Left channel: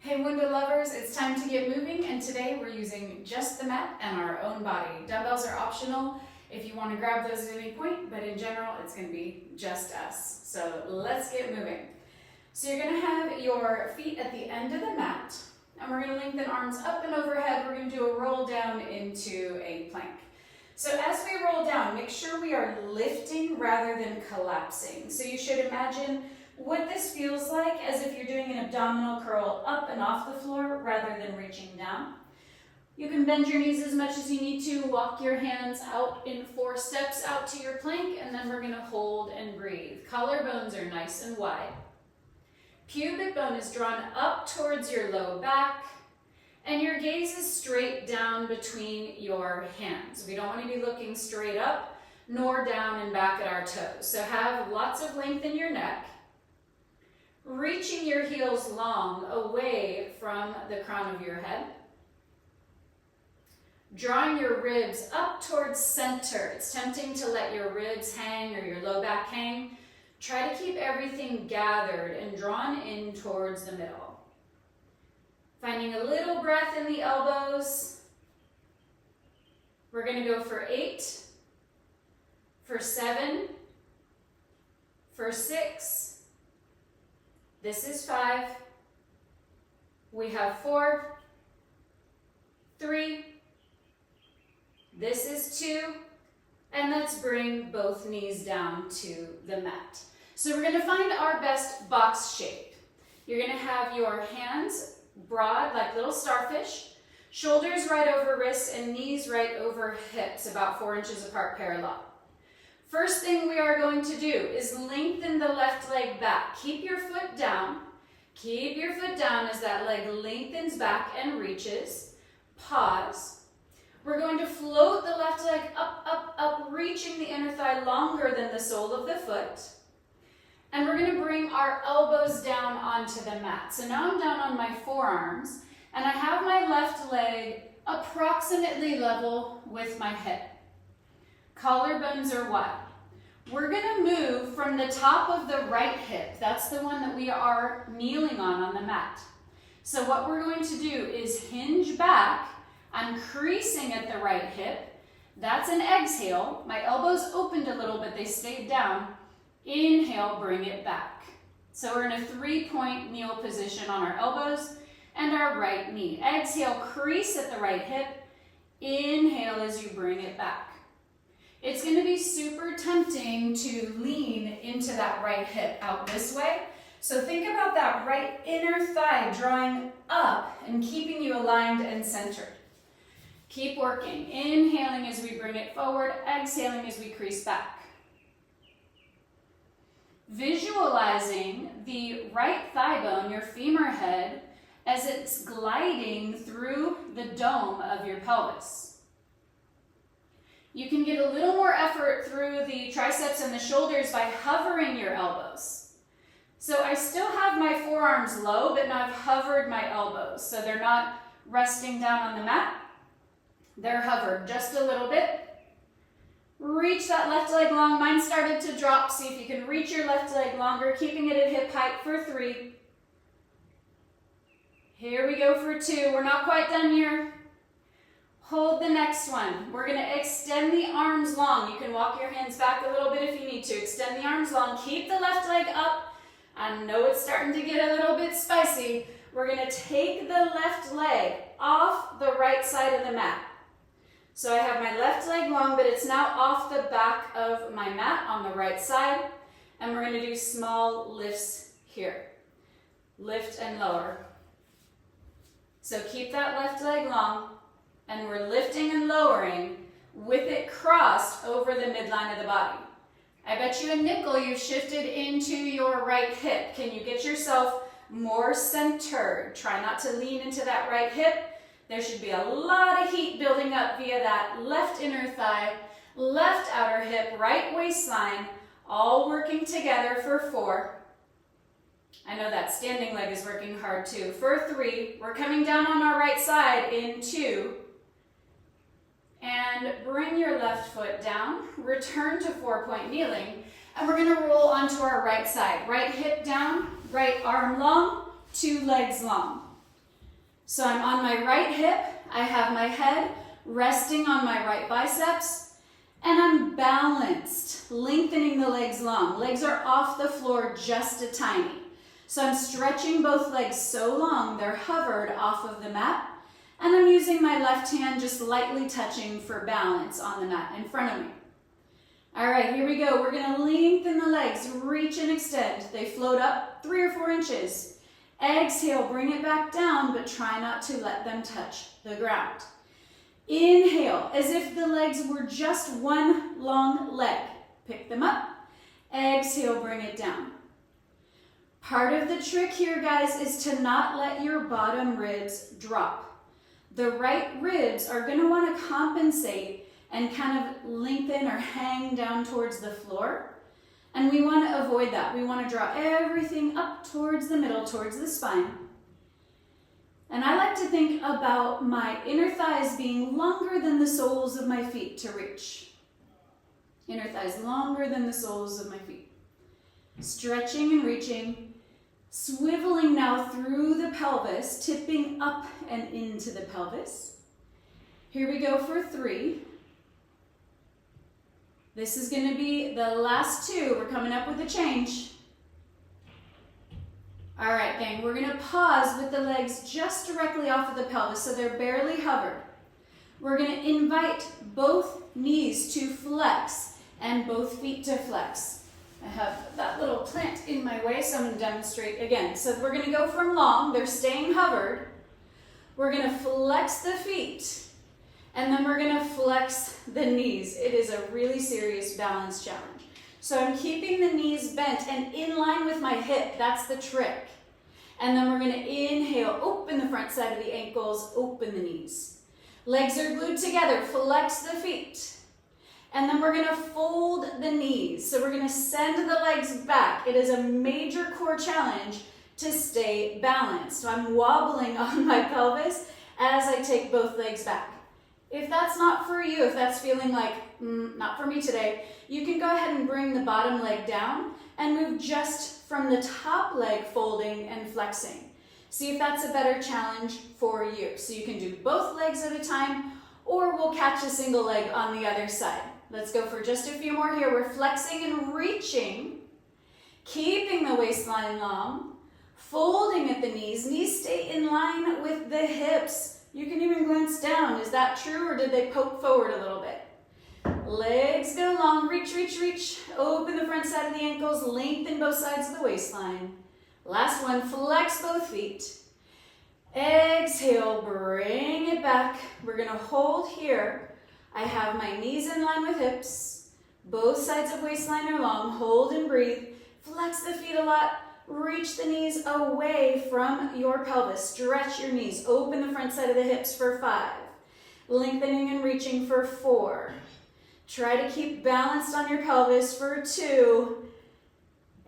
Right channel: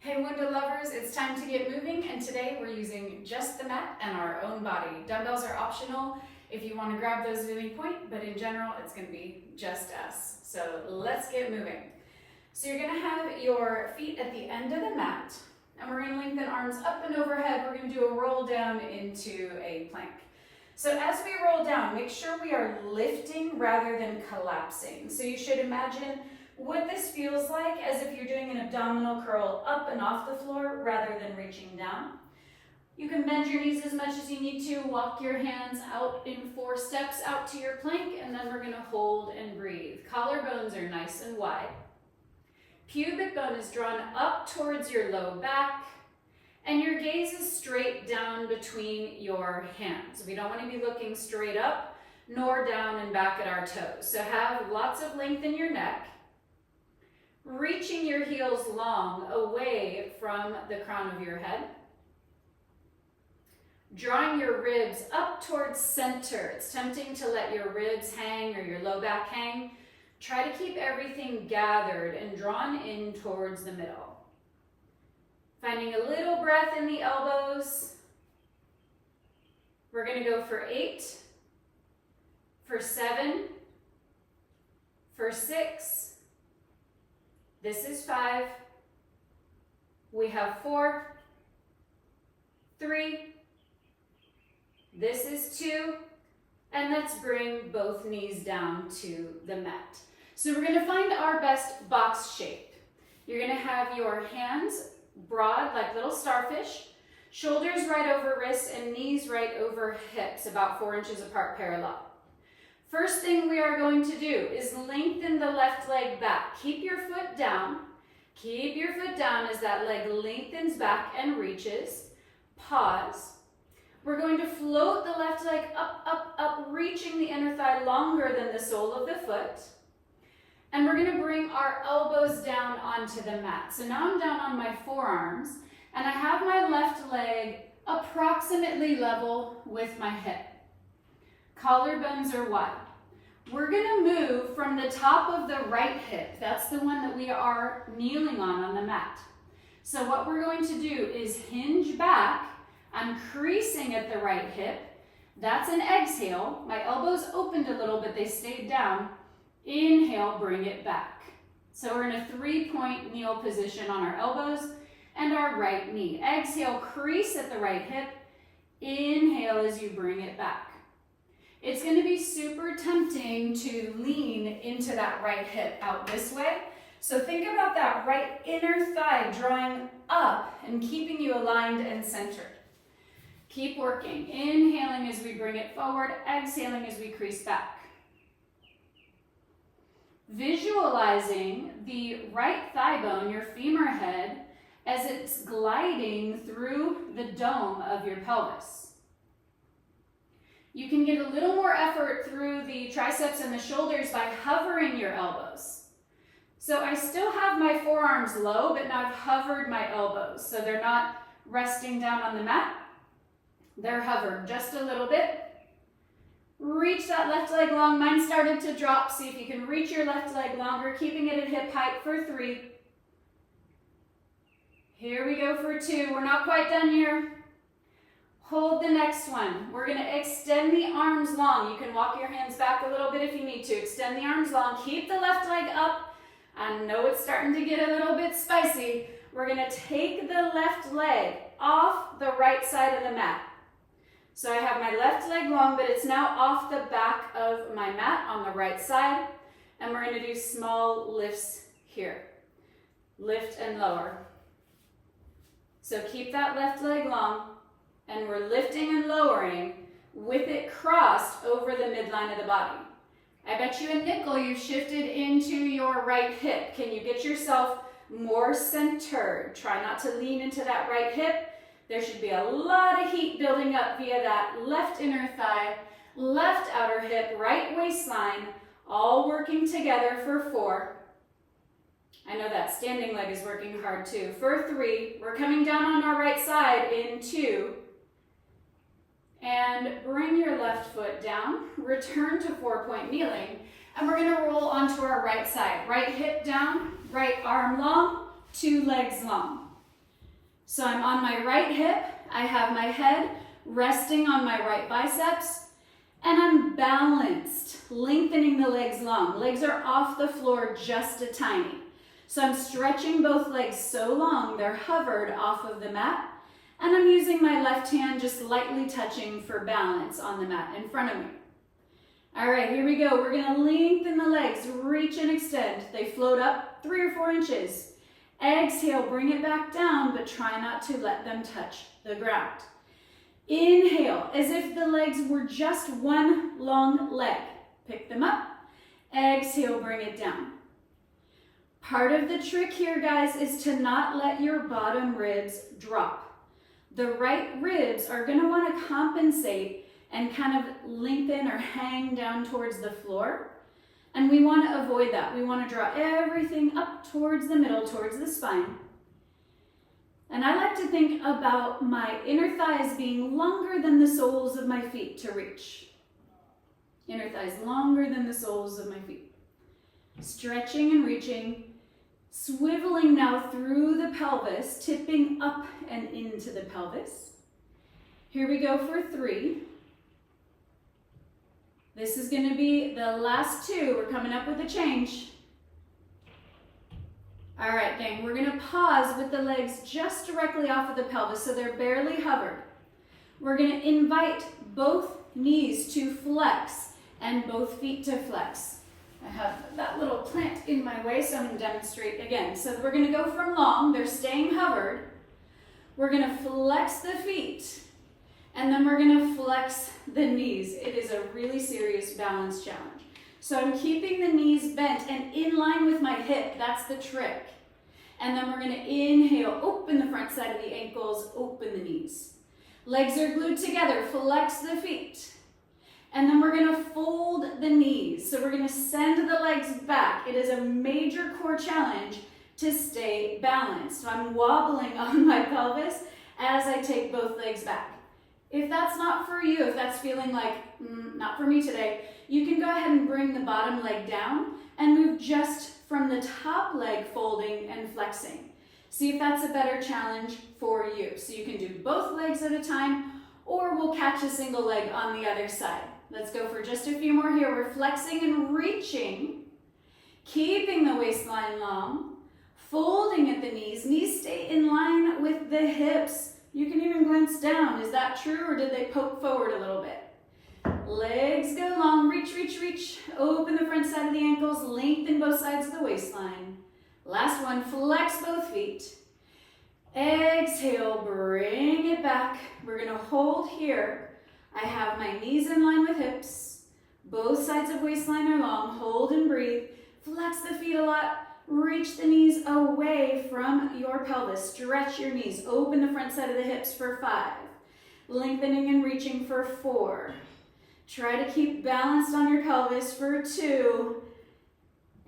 Hey Wunda lovers, it's time to get moving, and today we're using just the mat and our own body. Dumbbells are optional if you want to grab those at any point, but in general it's going to be just us. So let's get moving. So you're going to have your feet at the end of the mat, and we're going to lengthen arms up and overhead. We're going to do a roll down into a plank. So as we roll down, make sure we are lifting rather than collapsing. So you should imagine what this feels like as if you're doing an abdominal curl up and off the floor rather than reaching down. You can bend your knees as much as you need to, walk your hands out in 4 steps out to your plank, and then we're going to hold and breathe. Collarbones are nice and wide. Pubic bone is drawn up towards your low back, and your gaze is straight down between your hands. We don't want to be looking straight up nor down and back at our toes. So have lots of length in your neck. Reaching your heels long away from the crown of your head. Drawing your ribs up towards center. It's tempting to let your ribs hang or your low back hang. Try to keep everything gathered and drawn in towards the middle. Finding a little breath in the elbows. We're going to go for 8, for 7, for 6. This is 5. We have 4, 3. This is 2. And let's bring both knees down to the mat. So we're going to find our best box shape. You're going to have your hands broad like little starfish, shoulders right over wrists and knees right over hips, about 4 inches apart parallel. First thing we are going to do is lengthen the left leg back. Keep your foot down. Keep your foot down as that leg lengthens back and reaches. Pause. We're going to float the left leg up, up, up, reaching the inner thigh longer than the sole of the foot. And we're going to bring our elbows down onto the mat. So now I'm down on my forearms, and I have my left leg approximately level with my hip. Collarbones are wide. We're going to move from the top of the right hip. That's the one that we are kneeling on the mat. So what we're going to do is hinge back. I'm creasing at the right hip. That's an exhale. My elbows opened a little, but they stayed down. Inhale, bring it back. So we're in a 3-point kneel position on our elbows and our right knee. Exhale, crease at the right hip. Inhale as you bring it back. It's going to be super tempting to lean into that right hip out this way. So think about that right inner thigh drawing up and keeping you aligned and centered. Keep working. Inhaling as we bring it forward, exhaling as we crease back. Visualizing the right thigh bone, your femur head, as it's gliding through the dome of your pelvis. You can get a little more effort through the triceps and the shoulders by hovering your elbows. So I still have my forearms low, but now I've hovered my elbows. So they're not resting down on the mat. They're hovered just a little bit. Reach that left leg long. Mine started to drop. See if you can reach your left leg longer, keeping it at hip height for 3. Here we go for 2. We're not quite done here. Hold the next one. We're going to extend the arms long. You can walk your hands back a little bit if you need to. Extend the arms long. Keep the left leg up. I know it's starting to get a little bit spicy. We're going to take the left leg off the right side of the mat. So I have my left leg long, but it's now off the back of my mat on the right side. And we're going to do small lifts here. Lift and lower. So keep that left leg long. And we're lifting and lowering with it crossed over the midline of the body. I bet you a nickel you've shifted into your right hip. Can you get yourself more centered? Try not to lean into that right hip. There should be a lot of heat building up via that left inner thigh, left outer hip, right waistline, all working together for 4. I know that standing leg is working hard too. For 3, we're coming down on our right side in 2. And bring your left foot down, return to 4-point kneeling, and we're going to roll onto our right side. Right hip down, right arm long, 2 legs long. So I'm on my right hip, I have my head resting on my right biceps, and I'm balanced, lengthening the legs long. Legs are off the floor just a tiny. So I'm stretching both legs so long they're hovered off of the mat, and I'm using my left hand just lightly touching for balance on the mat in front of me. All right, here we go. We're gonna lengthen the legs, reach and extend. They float up 3 or 4 inches. Exhale, bring it back down, but try not to let them touch the ground. Inhale, as if the legs were just one long leg. Pick them up. Exhale, bring it down. Part of the trick here, guys, is to not let your bottom ribs drop. The right ribs are gonna wanna compensate and kind of lengthen or hang down towards the floor. And we want to avoid that. We want to draw everything up towards the middle, towards the spine. And I like to think about my inner thighs being longer than the soles of my feet to reach. Inner thighs longer than the soles of my feet. Stretching and reaching, swiveling now through the pelvis, tipping up and into the pelvis. Here we go for 3. This is going to be the last 2. We're coming up with a change. All right, gang, we're going to pause with the legs just directly off of the pelvis so they're barely hovered. We're going to invite both knees to flex and both feet to flex. I have that little plant in my way, so I'm going to demonstrate again. So we're going to go from long, they're staying hovered. We're going to flex the feet. And then we're gonna flex the knees. It is a really serious balance challenge. So I'm keeping the knees bent and in line with my hip. That's the trick. And then we're gonna inhale, open the front side of the ankles, open the knees. Legs are glued together, flex the feet. And then we're gonna fold the knees. So we're gonna send the legs back. It is a major core challenge to stay balanced. So I'm wobbling on my pelvis as I take both legs back. If that's not for you, if that's feeling like, not for me today, you can go ahead and bring the bottom leg down and move just from the top leg folding and flexing. See if that's a better challenge for you. So you can do both legs at a time, or we'll catch a single leg on the other side. Let's go for just a few more here. We're flexing and reaching, keeping the waistline long, folding at the knees. Knees stay in line with the hips. You can even glance down. Is that true, or did they poke forward a little bit? Legs go long, reach, reach, reach. Open the front side of the ankles, lengthen both sides of the waistline. Last one, flex both feet. Exhale, bring it back. We're gonna hold here. I have my knees in line with hips. Both sides of waistline are long. Hold and breathe. Flex the feet a lot. Reach the knees away from your pelvis. Stretch your knees. Open the front side of the hips for 5. Lengthening and reaching for 4. Try to keep balanced on your pelvis for 2.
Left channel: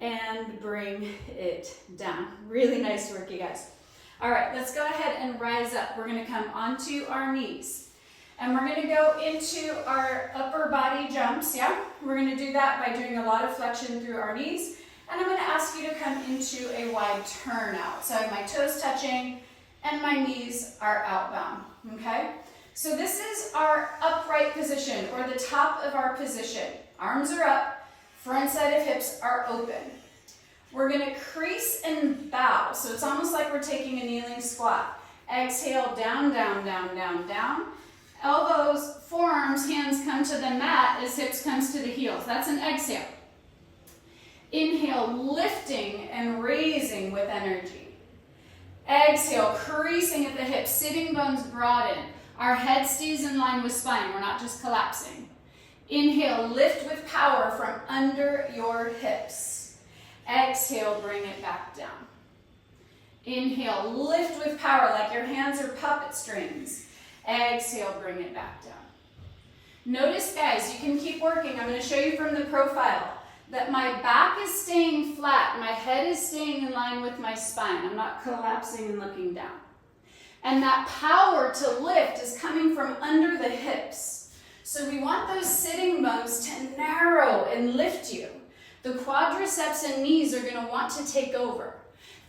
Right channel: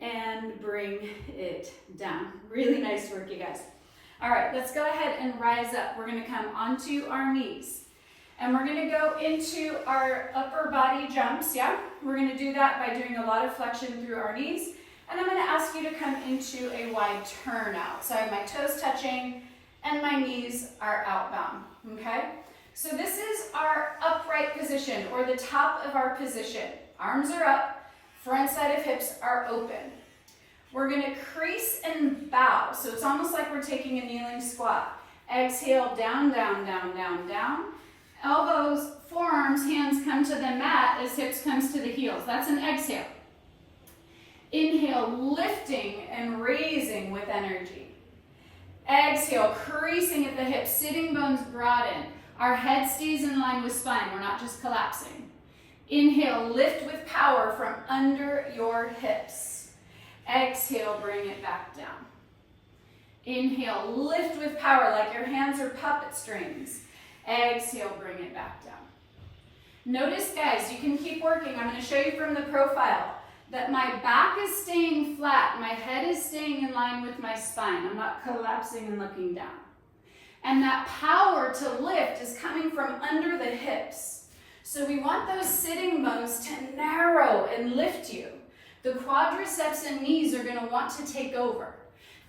And bring it down. Really nice work, you guys. All right, let's go ahead and rise up. We're going to come onto our knees. And we're going to go into our upper body jumps, yeah? We're going to do that by doing a lot of flexion through our knees. And I'm going to ask you to come into a wide turn out. So I have my toes touching and my knees are outbound, okay? So this is our upright position, or the top of our position. Arms are up, front side of hips are open. We're going to crease and bow. So it's almost like we're taking a kneeling squat. Exhale, down, down, down, down, down. Elbows, forearms, hands come to the mat as hips comes to the heels. That's an exhale. Inhale, lifting and raising with energy. Exhale, creasing at the hips, sitting bones broaden. Our head stays in line with spine. We're not just collapsing. Inhale, lift with power from under your hips. Exhale, bring it back down. Inhale, lift with power like your hands are puppet strings. Exhale, bring it back down. Notice, guys, you can keep working. I'm going to show you from the profile that my back is staying flat, my head is staying in line with my spine. I'm not collapsing and looking down. And that power to lift is coming from under the hips. So we want those sitting bones to narrow and lift you. The quadriceps and knees are going to want to take over.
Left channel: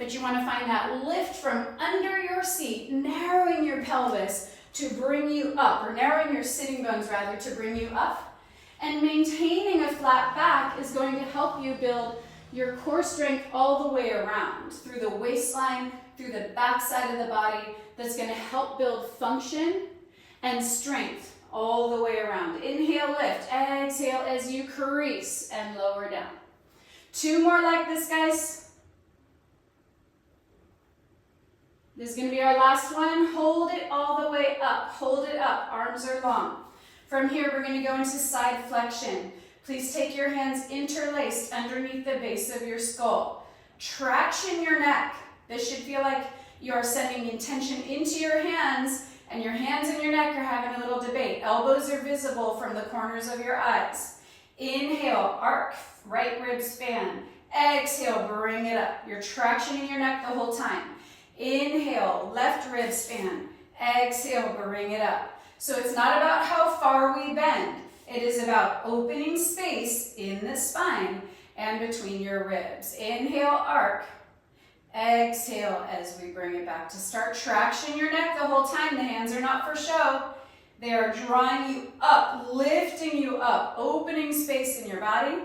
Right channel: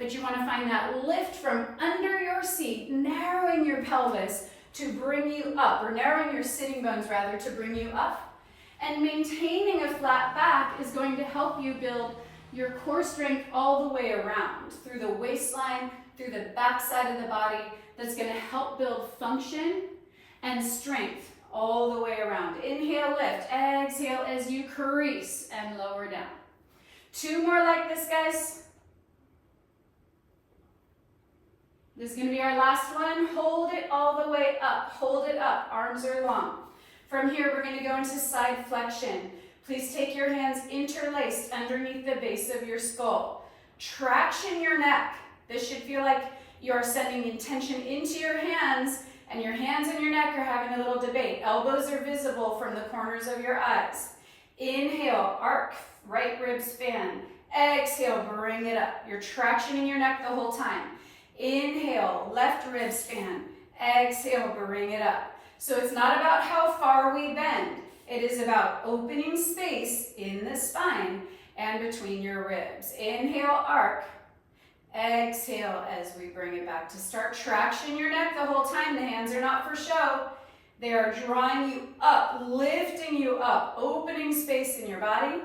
but you want to find that lift from under your seat, narrowing your pelvis to bring you up, or narrowing your sitting bones rather to bring you up. And maintaining a flat back is going to help you build your core strength all the way around, through the waistline, through the back side of the body. That's going to help build function and strength all the way around. Inhale, lift. Exhale as you crease and lower down. 2 more like this, guys. This is going to be our last one. Hold it all the way up. Hold it up. Arms are long. From here, we're going to go into side flexion. Please take your hands interlaced underneath the base of your skull. Traction your neck. This should feel like you're sending intention into your hands, and your hands and your neck are having a little debate. Elbows are visible from the corners of your eyes. Inhale, arc, right ribs fan. Exhale, bring it up. You're tractioning your neck the whole time. Inhale, left ribs fan. Exhale, bring it up. So it's not about how far we bend. It is about opening space in the spine and between your ribs. Inhale, arc. Exhale as we bring it back to start. Traction your neck the whole time. The hands are not for show. They are drawing you up, lifting you up, opening space in your body.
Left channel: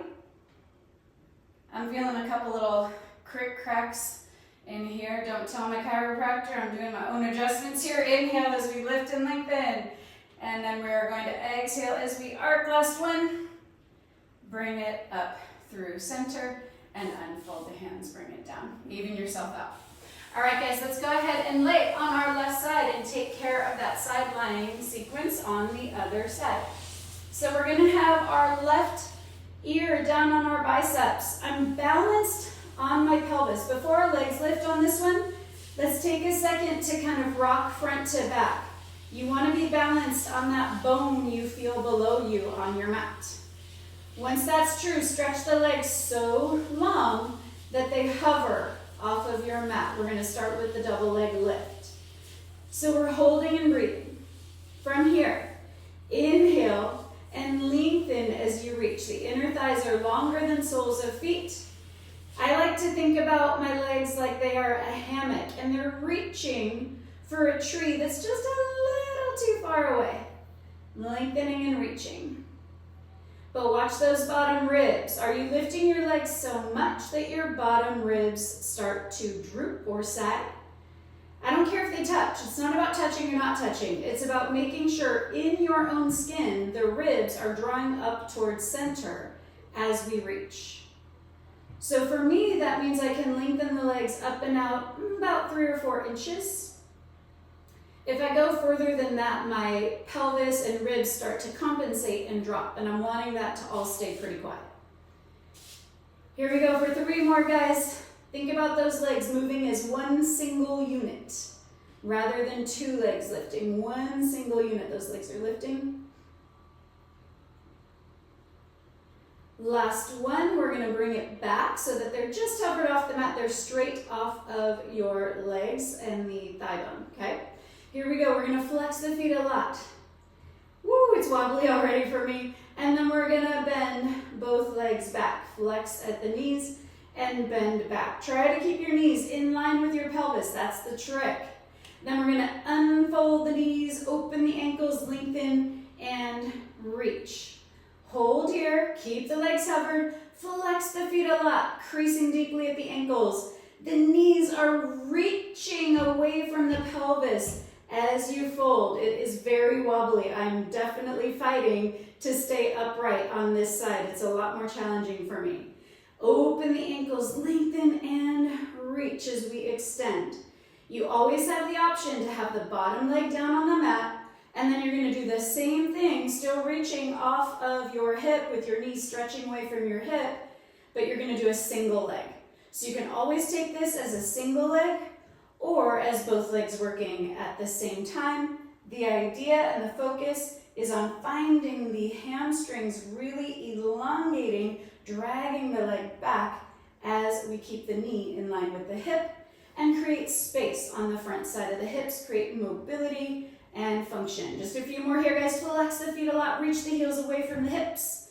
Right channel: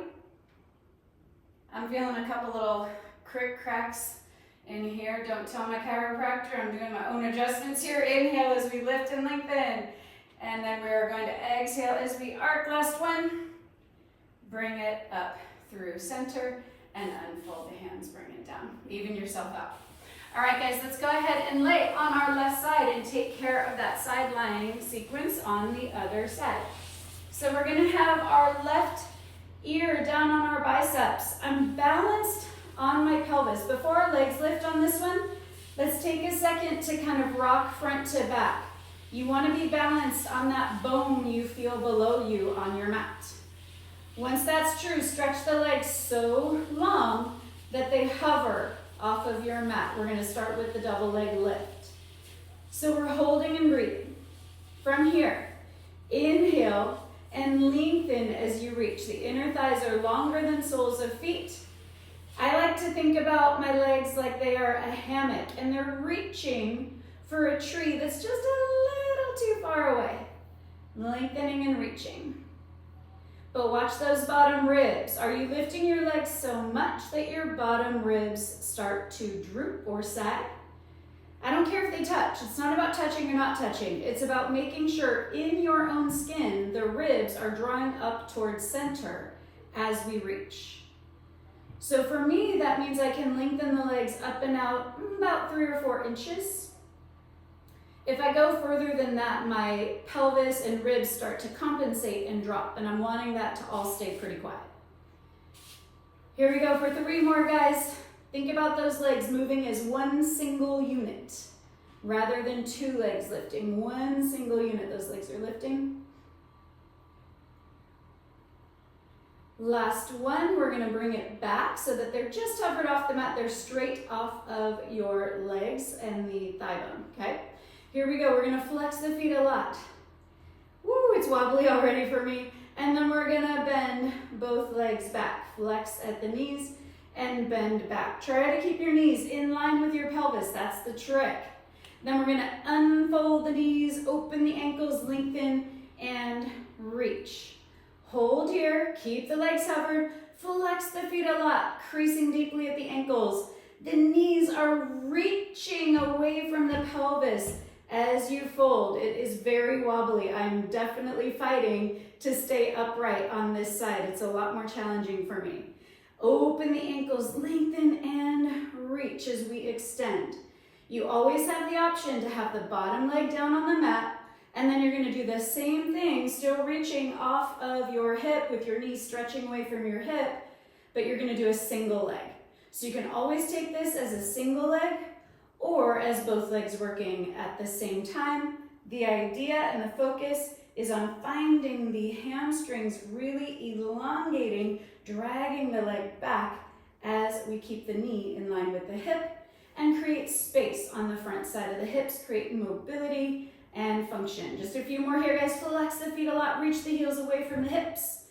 I'm feeling a couple little cracks in here. Don't tell my chiropractor. I'm doing my own adjustments here. Inhale as we lift and lengthen. And then we are going to exhale as we arc. Last one. Bring it up through center and unfold the hands. Bring it down. Even yourself out. All right, guys, let's go ahead and lay on our left side and take care of that side lying sequence on the other side. So we're going to have our left ear down on our biceps. I'm balanced on my pelvis. Before our legs lift on this one, let's take a second to kind of rock front to back. You want to be balanced on that bone you feel below you on your mat. Once that's true, stretch the legs so long that they hover off of your mat. We're going to start with the double leg lift. So we're holding and breathing. From here, inhale and lengthen as you reach. The inner thighs are longer than soles of feet. I like to think about my legs like they are a hammock and they're reaching for a tree that's just a little too far away. Lengthening and reaching. But watch those bottom ribs. Are you lifting your legs so much that your bottom ribs start to droop or sag? I don't care if they touch. It's not about touching or not touching. It's about making sure in your own skin, the ribs are drawing up towards center as we reach. So for me, that means I can lengthen the legs up and out about 3 or 4 inches. If I go further than that, my pelvis and ribs start to compensate and drop, and I'm wanting that to all stay pretty quiet. Here we go for 3 more, guys. Think about those legs moving as one single unit rather than 2 legs lifting. One single unit, those legs are lifting. Last one, we're going to bring it back so that they're just hovered off the mat. They're straight off of your legs and the thigh bone, okay? Here we go. We're going to flex the feet a lot. Woo, it's wobbly already for me. And then we're going to bend both legs back. Flex at the knees and bend back. Try to keep your knees in line with your pelvis. That's the trick. Then we're going to unfold the knees, open the ankles, lengthen, and reach. Hold here. Keep the legs hovered. Flex the feet a lot, creasing deeply at the ankles. The knees are reaching away from the pelvis. As you fold, it is very wobbly. I'm definitely fighting to stay upright on this side. It's a lot more challenging for me. Open the ankles, lengthen and reach as we extend. You always have the option to have the bottom leg down on the mat, and then you're going to do the same thing, still reaching off of your hip with your knees stretching away from your hip, but you're going to do a single leg. So you can always take this as a single leg or as both legs working at the same time. The idea and the focus is on finding the hamstrings really elongating, dragging the leg back as we keep the knee in line with the hip and create space on the front side of the hips, create mobility and function. Just a few more here, guys. Flex the feet a lot, reach the heels away from the hips.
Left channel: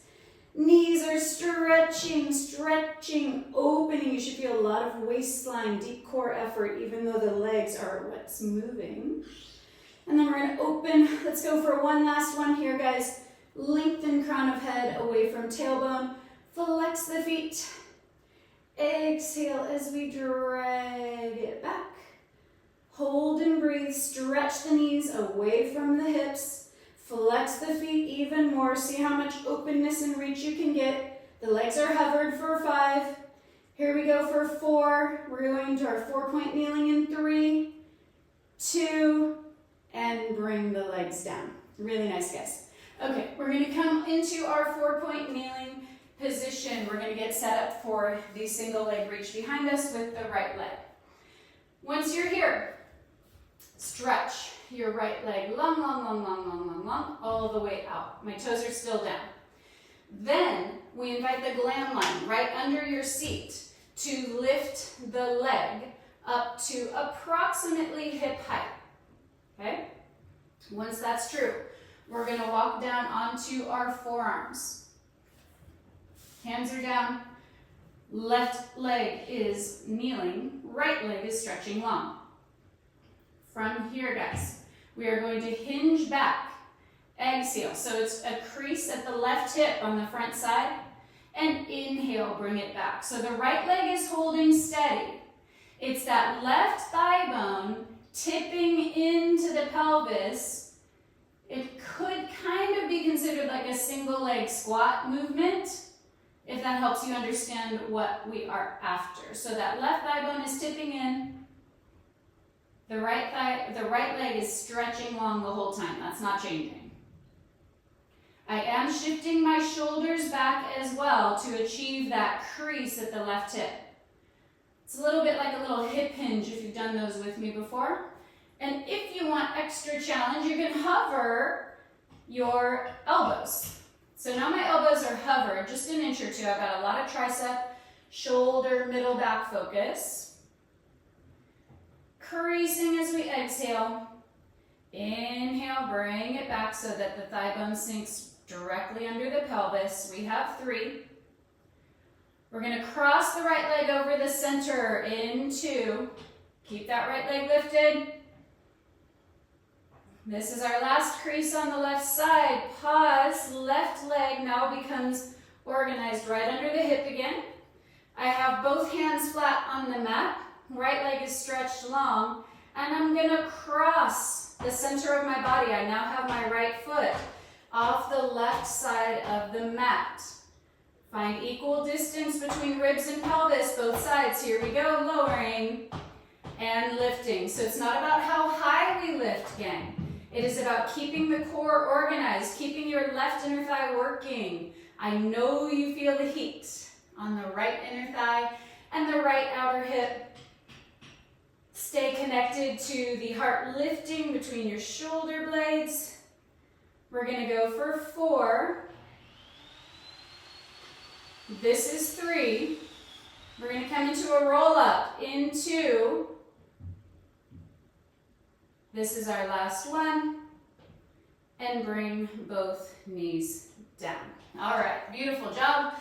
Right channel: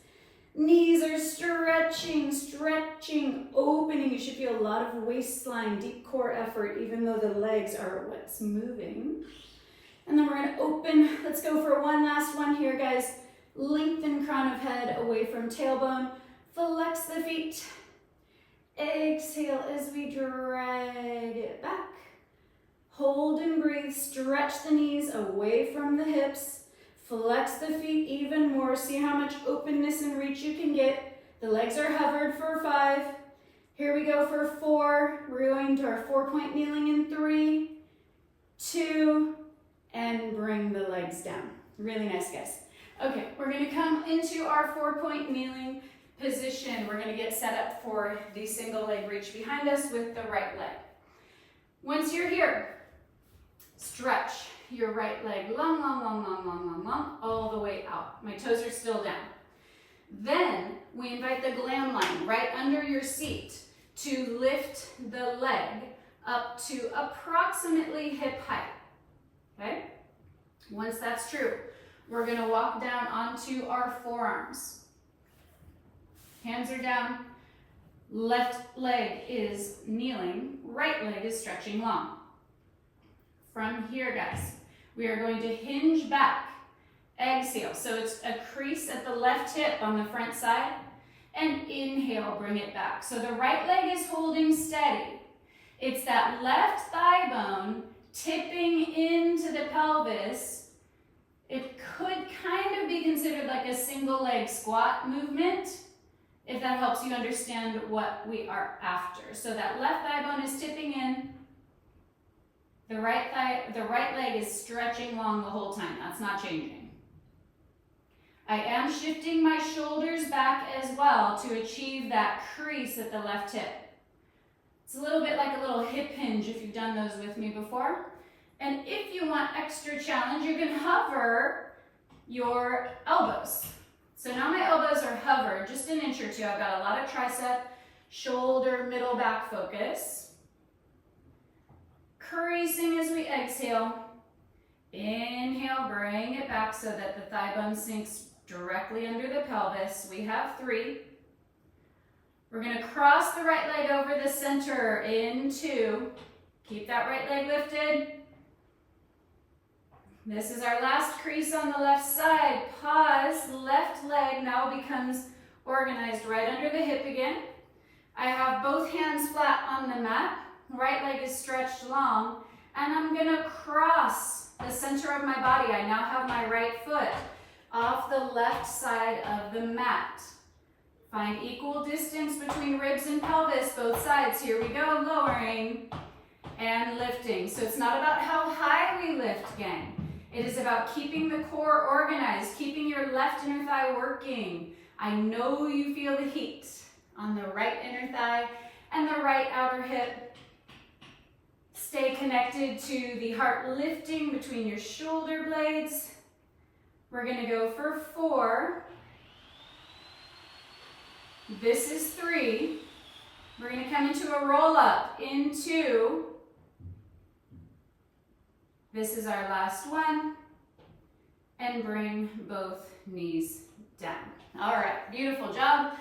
Knees are stretching, stretching, opening. You should feel a lot of waistline, deep core effort, even though the legs are what's moving. And then we're gonna open. Let's go for one last one here, guys. Lengthen crown of head away from tailbone. Flex the feet. Exhale as we drag it back. Hold and breathe. Stretch the knees away from the hips. Flex the feet even more. See how much openness and reach you can get. The legs are hovered for 5. Here we go for 4. We're going to our 4-point kneeling in 3, 2, and bring the legs down. Really nice, guys. Okay, we're going to come into our 4-point kneeling position. We're going to get set up for the single leg reach behind us with the right leg. Once you're here, stretch your right leg long, long, long, long, long, long, long, all the way out. My toes are still down. Then we invite the glam line right under your seat to lift the leg up to approximately hip height. Okay? Once that's true, we're going to walk down onto our forearms. Hands are down. Left leg is kneeling. Right leg is stretching long. From here, guys, we are going to hinge back. Exhale. So it's a crease at the left hip on the front side. And inhale, bring it back. So the right leg is holding steady. It's that left thigh bone tipping into the pelvis. It could kind of be considered like a single leg squat movement, if that helps you understand what we are after. So that left thigh bone is tipping in. The right leg is stretching long the whole time. That's not changing. I am shifting my shoulders back as well to achieve that crease at the left hip. It's a little bit like a little hip hinge if you've done those with me before. And if you want extra challenge, you can hover your elbows. So now my elbows are hovered just an inch or two. I've got a lot of tricep, shoulder, middle back focus. Creasing as we exhale. Inhale, bring it back so that the thigh bone sinks directly under the pelvis. We have 3. We're going to cross the right leg over the center in 2. Keep that right leg lifted. This is our last crease on the left side. Pause. Left leg now becomes organized right under the hip again. I have both hands flat on the mat. Right leg is stretched long. And I'm going to cross the center of my body. I now have my right foot off the left side of the mat. Find equal distance between ribs and pelvis, both sides. Here we go, lowering and lifting. So it's not about how high we lift, gang. It is about keeping the core organized, keeping your left inner thigh working. I know you feel the heat on the right inner thigh and the right outer hip. Stay connected to the heart lifting between your shoulder blades. We're going to go for 4. This is 3. We're going to come into a roll up in 2. This is our last one. And bring both knees down. All right, beautiful job.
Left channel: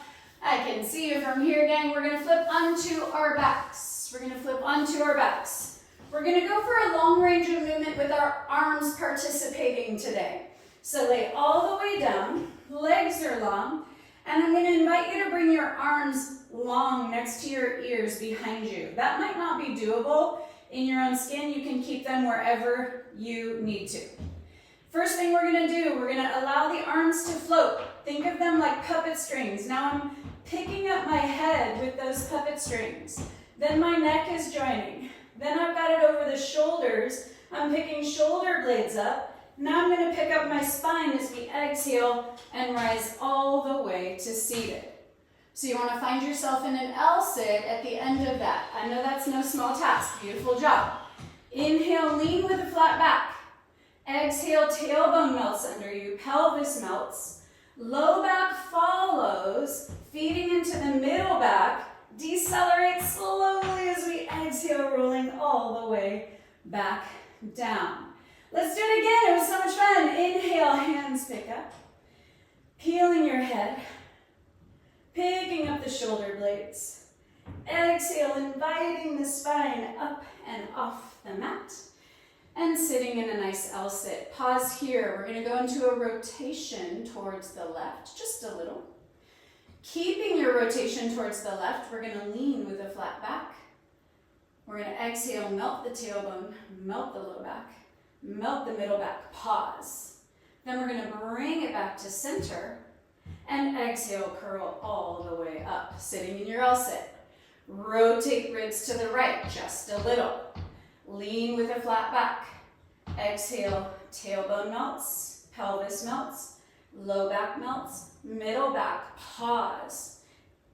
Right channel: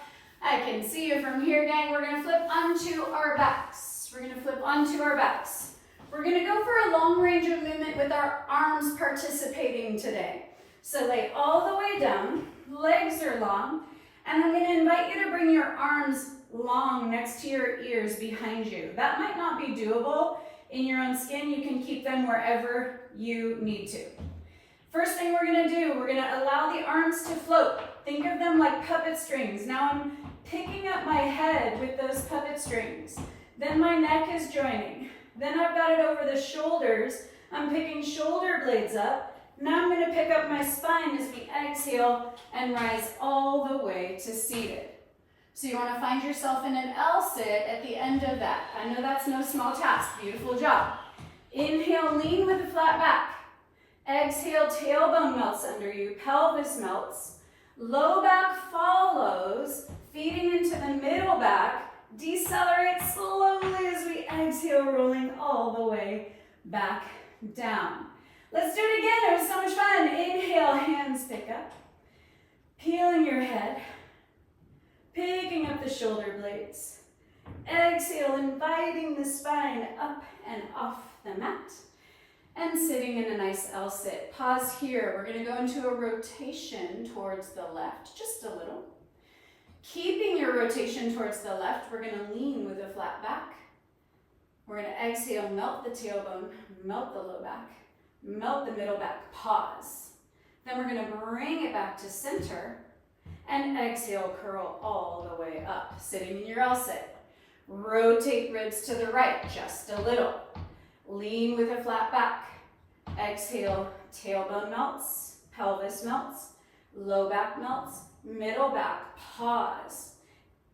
I can see you from here, gang. We're going to flip onto our backs. We're going to flip onto our backs. We're going to go for a long range of movement with our arms participating today. So lay all the way down, legs are long, and I'm going to invite you to bring your arms long next to your ears behind you. That might not be doable in your own skin. You can keep them wherever you need to. First thing we're going to do, we're going to allow the arms to float. Think of them like puppet strings. Now I'm picking up my head with those puppet strings. Then my neck is joining. Then I've got it over the shoulders. I'm picking shoulder blades up. Now I'm going to pick up my spine as we exhale and rise all the way to seated. So you want to find yourself in an L sit at the end of that. I know that's no small task. Beautiful job. Inhale, lean with a flat back. Exhale, tailbone melts under you. Pelvis melts. Low back follows, feeding into the middle back. Decelerate slowly as we exhale, rolling all the way back down. Let's do it again. It was so much fun. Inhale, hands pick up. Peeling your head. Picking up the shoulder blades. Exhale, inviting the spine up and off the mat. And sitting in a nice L-sit. Pause here. We're going to go into a rotation towards the left, just a little. Keeping your rotation towards the left, we're going to lean with a flat back. We're going to exhale, melt the tailbone, melt the low back, melt the middle back, pause. Then we're going to bring it back to center and exhale, curl all the way up, sitting in your L-sit. Rotate ribs to the right, just a little. Lean with a flat back. Exhale, tailbone melts, pelvis melts, low back melts, middle back, pause.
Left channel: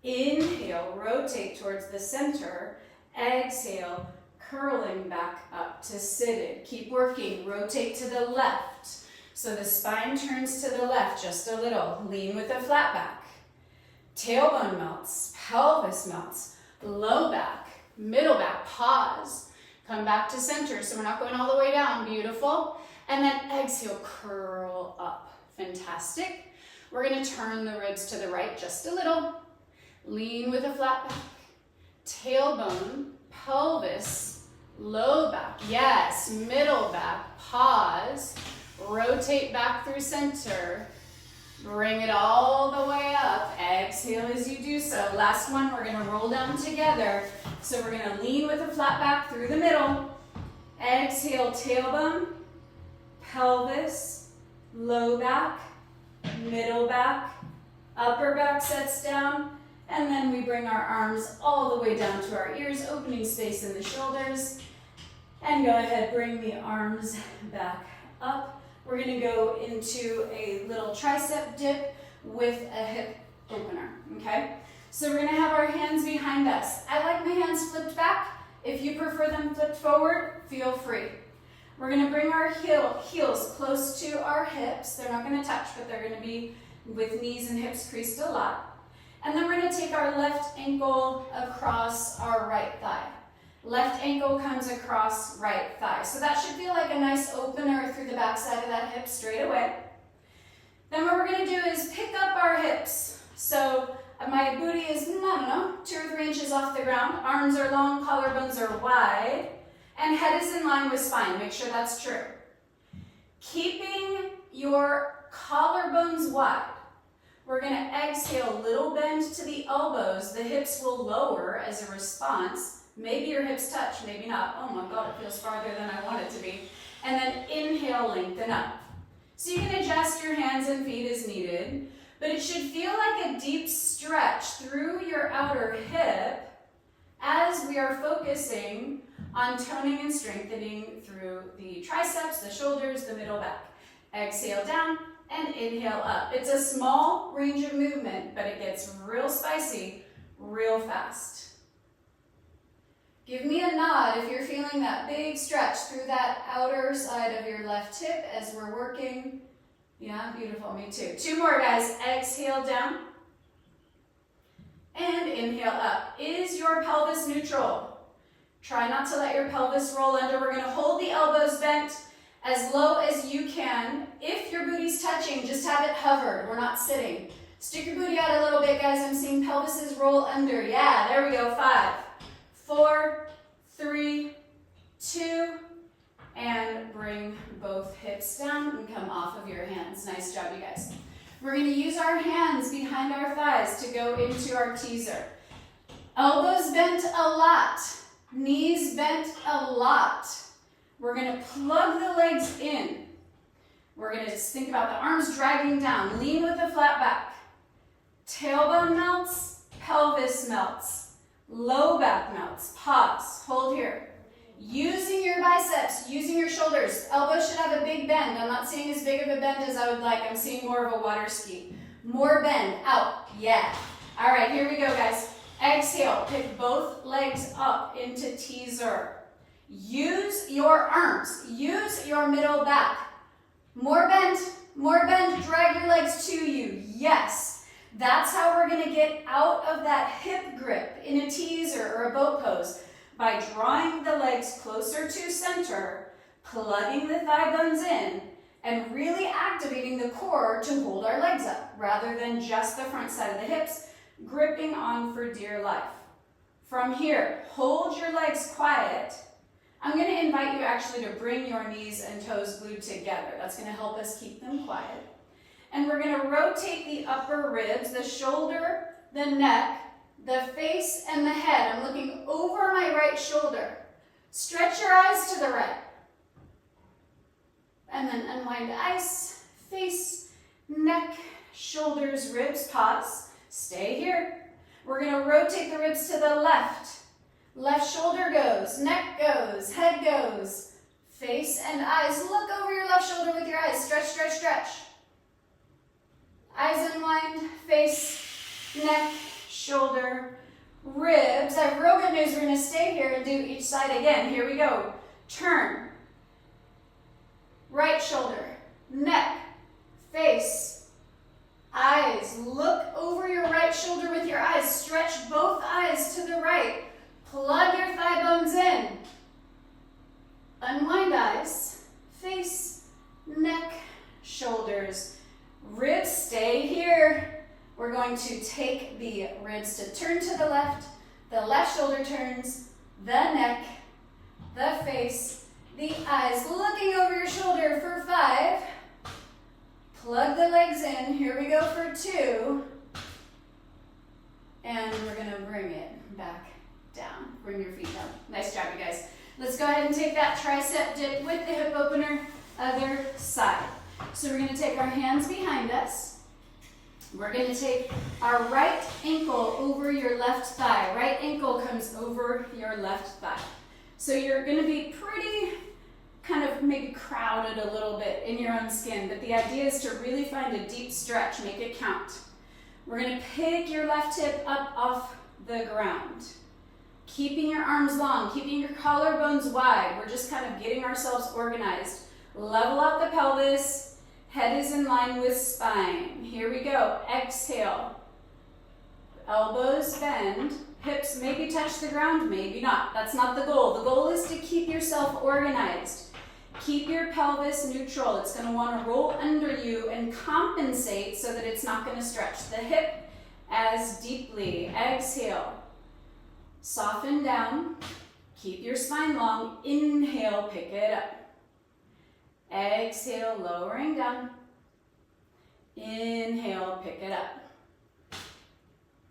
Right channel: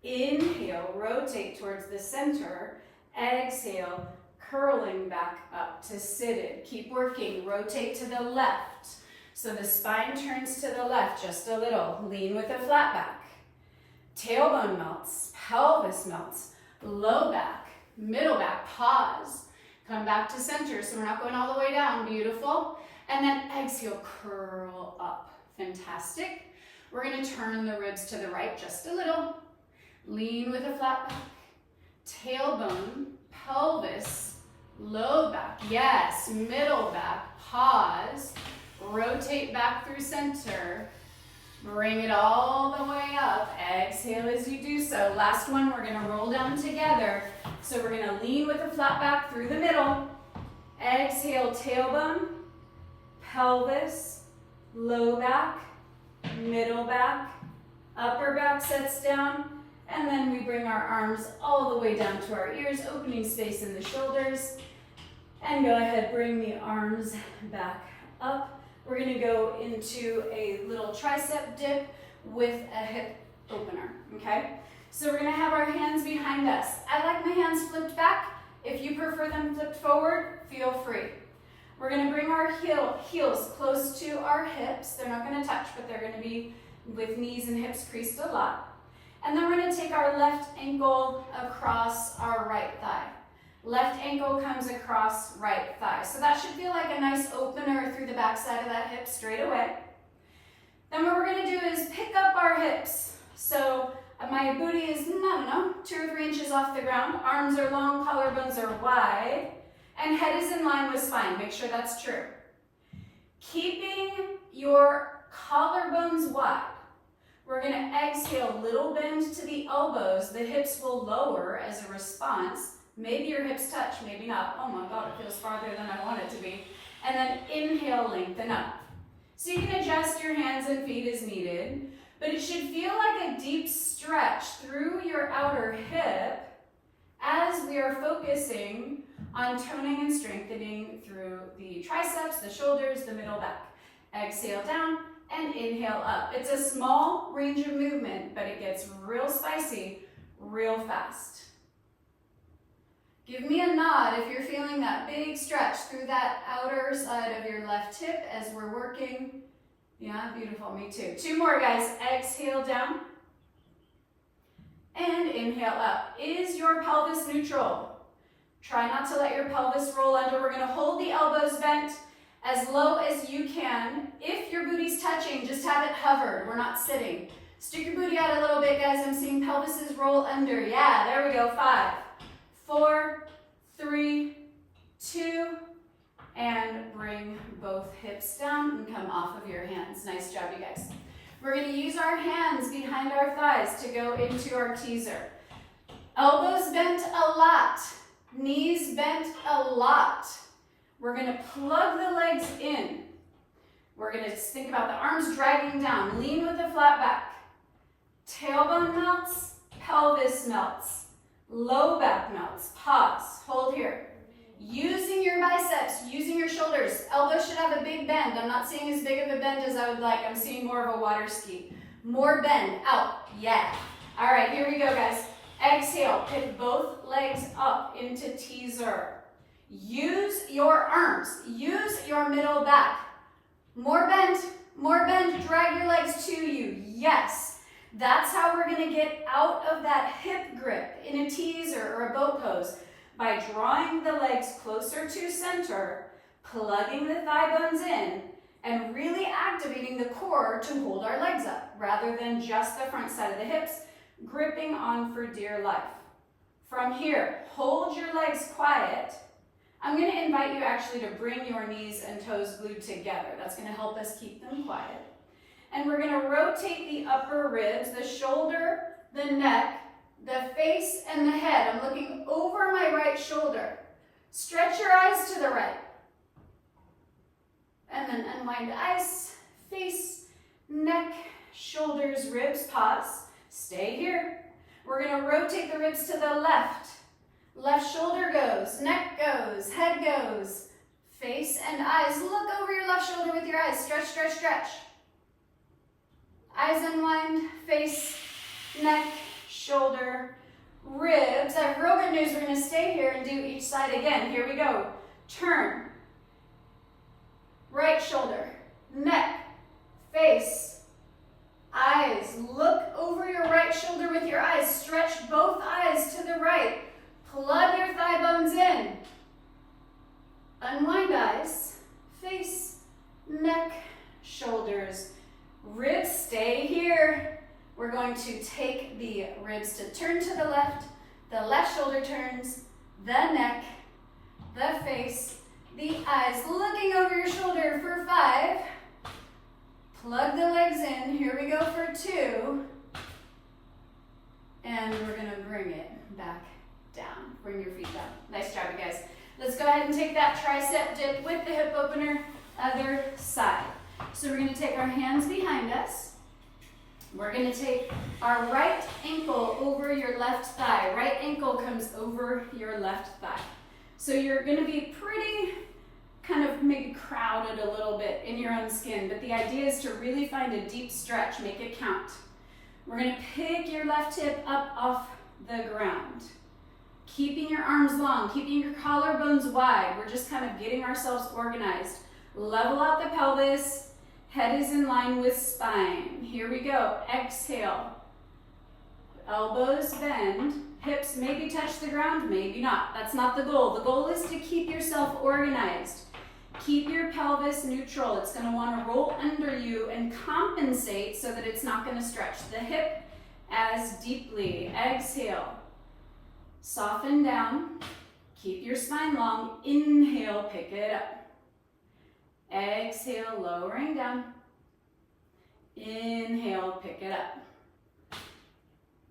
Inhale, rotate towards the center. Exhale, curling back up to seated. Keep working, rotate to the left. So the spine turns to the left just a little. Lean with a flat back. Tailbone melts, pelvis melts, low back, middle back, pause. Come back to center, so we're not going all the way down. Beautiful. And then exhale, curl up. Fantastic. We're going to turn the ribs to the right just a little. Lean with a flat back. Tailbone, pelvis, low back. Yes, middle back. Pause. Rotate back through center. Bring it all the way up. Exhale as you do so. Last one, we're going to roll down together. So we're going to lean with a flat back through the middle. Exhale, tailbone, pelvis, low back, middle back, upper back sets down. And then we bring our arms all the way down to our ears, opening space in the shoulders. And go ahead, bring the arms back up. We're going to go into a little tricep dip with a hip opener, okay? So we're going to have our hands behind us. I like my hands flipped back. If you prefer them flipped forward, feel free. We're going to bring our heels close to our hips. They're not going to touch, but they're going to be with knees and hips creased a lot. And then we're going to take our left ankle across our right thigh. Left ankle comes across right thigh. So that should feel like a nice opener through the back side of that hip straight away. Then what we're going to do is pick up our hips. So my booty is, 2 or 3 inches off the ground. Arms are long, collarbones are wide. And head is in line with spine. Make sure that's true. Keeping your collarbones wide. We're going to exhale, little bend to the elbows. The hips will lower as a response. Maybe your hips touch, maybe not. Oh my God, it feels farther than I want it to be. And then inhale, lengthen up. So you can adjust your hands and feet as needed, but it should feel like a deep stretch through your outer hip as we are focusing on toning and strengthening through the triceps, the shoulders, the middle back. Exhale down and inhale up. It's a small range of movement, but it gets real spicy real fast. Give me a nod if you're feeling that big stretch through that outer side of your left hip as we're working. Yeah, beautiful, me too. 2 more, guys. Exhale down and inhale up. Is your pelvis neutral? Try not to let your pelvis roll under. We're going to hold the elbows bent as low as you can. If your booty's touching, just have it hovered. We're not sitting. Stick your booty out a little bit, guys. I'm seeing pelvises roll under. Yeah, there we go. 5, 4, 3, 2, and bring both hips down and come off of your hands. Nice job, you guys. We're going to use our hands behind our thighs to go into our teaser. Elbows bent a lot, knees bent a lot. We're going to plug the legs in. We're going to think about the arms dragging down. Lean with a flat back. Tailbone melts, pelvis melts. Low back melts. Pause. Hold here. Using your biceps, using your shoulders. Elbows should have a big bend. I'm not seeing as big of a bend as I would like. I'm seeing more of a water ski. More bend. Out. Yeah. All right, here we go, guys. Exhale. Pick both legs up into teaser. Use your arms. Use your middle back. More bend. More bend. Drag your legs to you. Yes. That's how we're going to get out of that hip grip in a teaser or a boat pose, by drawing the legs closer to center, plugging the thigh bones in, and really activating the core to hold our legs up, rather than just the front side of the hips, gripping on for dear life. From here, hold your legs quiet. I'm going to invite you actually to bring your knees and toes glued together. That's going to help us keep them quiet. And we're going to rotate the upper ribs, the shoulder, the neck, the face, and the head. I'm looking over my right shoulder. Stretch your eyes to the right. And then unwind eyes, face, neck, shoulders, ribs, pause. Stay here. We're going to rotate the ribs to the left. Left shoulder goes, neck goes, head goes, face and eyes. Look over your left shoulder with your eyes. Stretch, stretch, stretch. Eyes unwind, face, neck, shoulder, ribs. I have real good news. We're going to stay here and do each side again. Here we go. Turn. Right shoulder, neck, face, eyes. Look over your right shoulder with your eyes. Stretch both eyes to the right. Plug your thigh bones in. Unwind eyes, face, neck, shoulders, ribs. Stay here. We're going to take the ribs to turn to the left shoulder turns, the neck, the face, the eyes. Looking over your shoulder for 5. Plug the legs in. Here we go for 2. And we're going to bring it back down. Bring your feet down. Nice job, you guys. Let's go ahead and take that tricep dip with the hip opener, other side. So we're going to take our hands behind us. We're going to take our right ankle over your left thigh. Right ankle comes over your left thigh. So you're going to be pretty kind of maybe crowded a little bit in your own skin, but the idea is to really find a deep stretch, make it count. We're going to pick your left hip up off the ground. Keeping your arms long, keeping your collarbones wide. We're just kind of getting ourselves organized. Level out the pelvis. Head is in line with spine. Here we go. Exhale. Elbows bend. Hips maybe touch the ground, maybe not. That's not the goal. The goal is to keep yourself organized. Keep your pelvis neutral. It's going to want to roll under you and compensate so that it's not going to stretch the hip as deeply. Exhale. Soften down. Keep your spine long. Inhale, pick it up. Exhale, lowering down. Inhale, pick it up.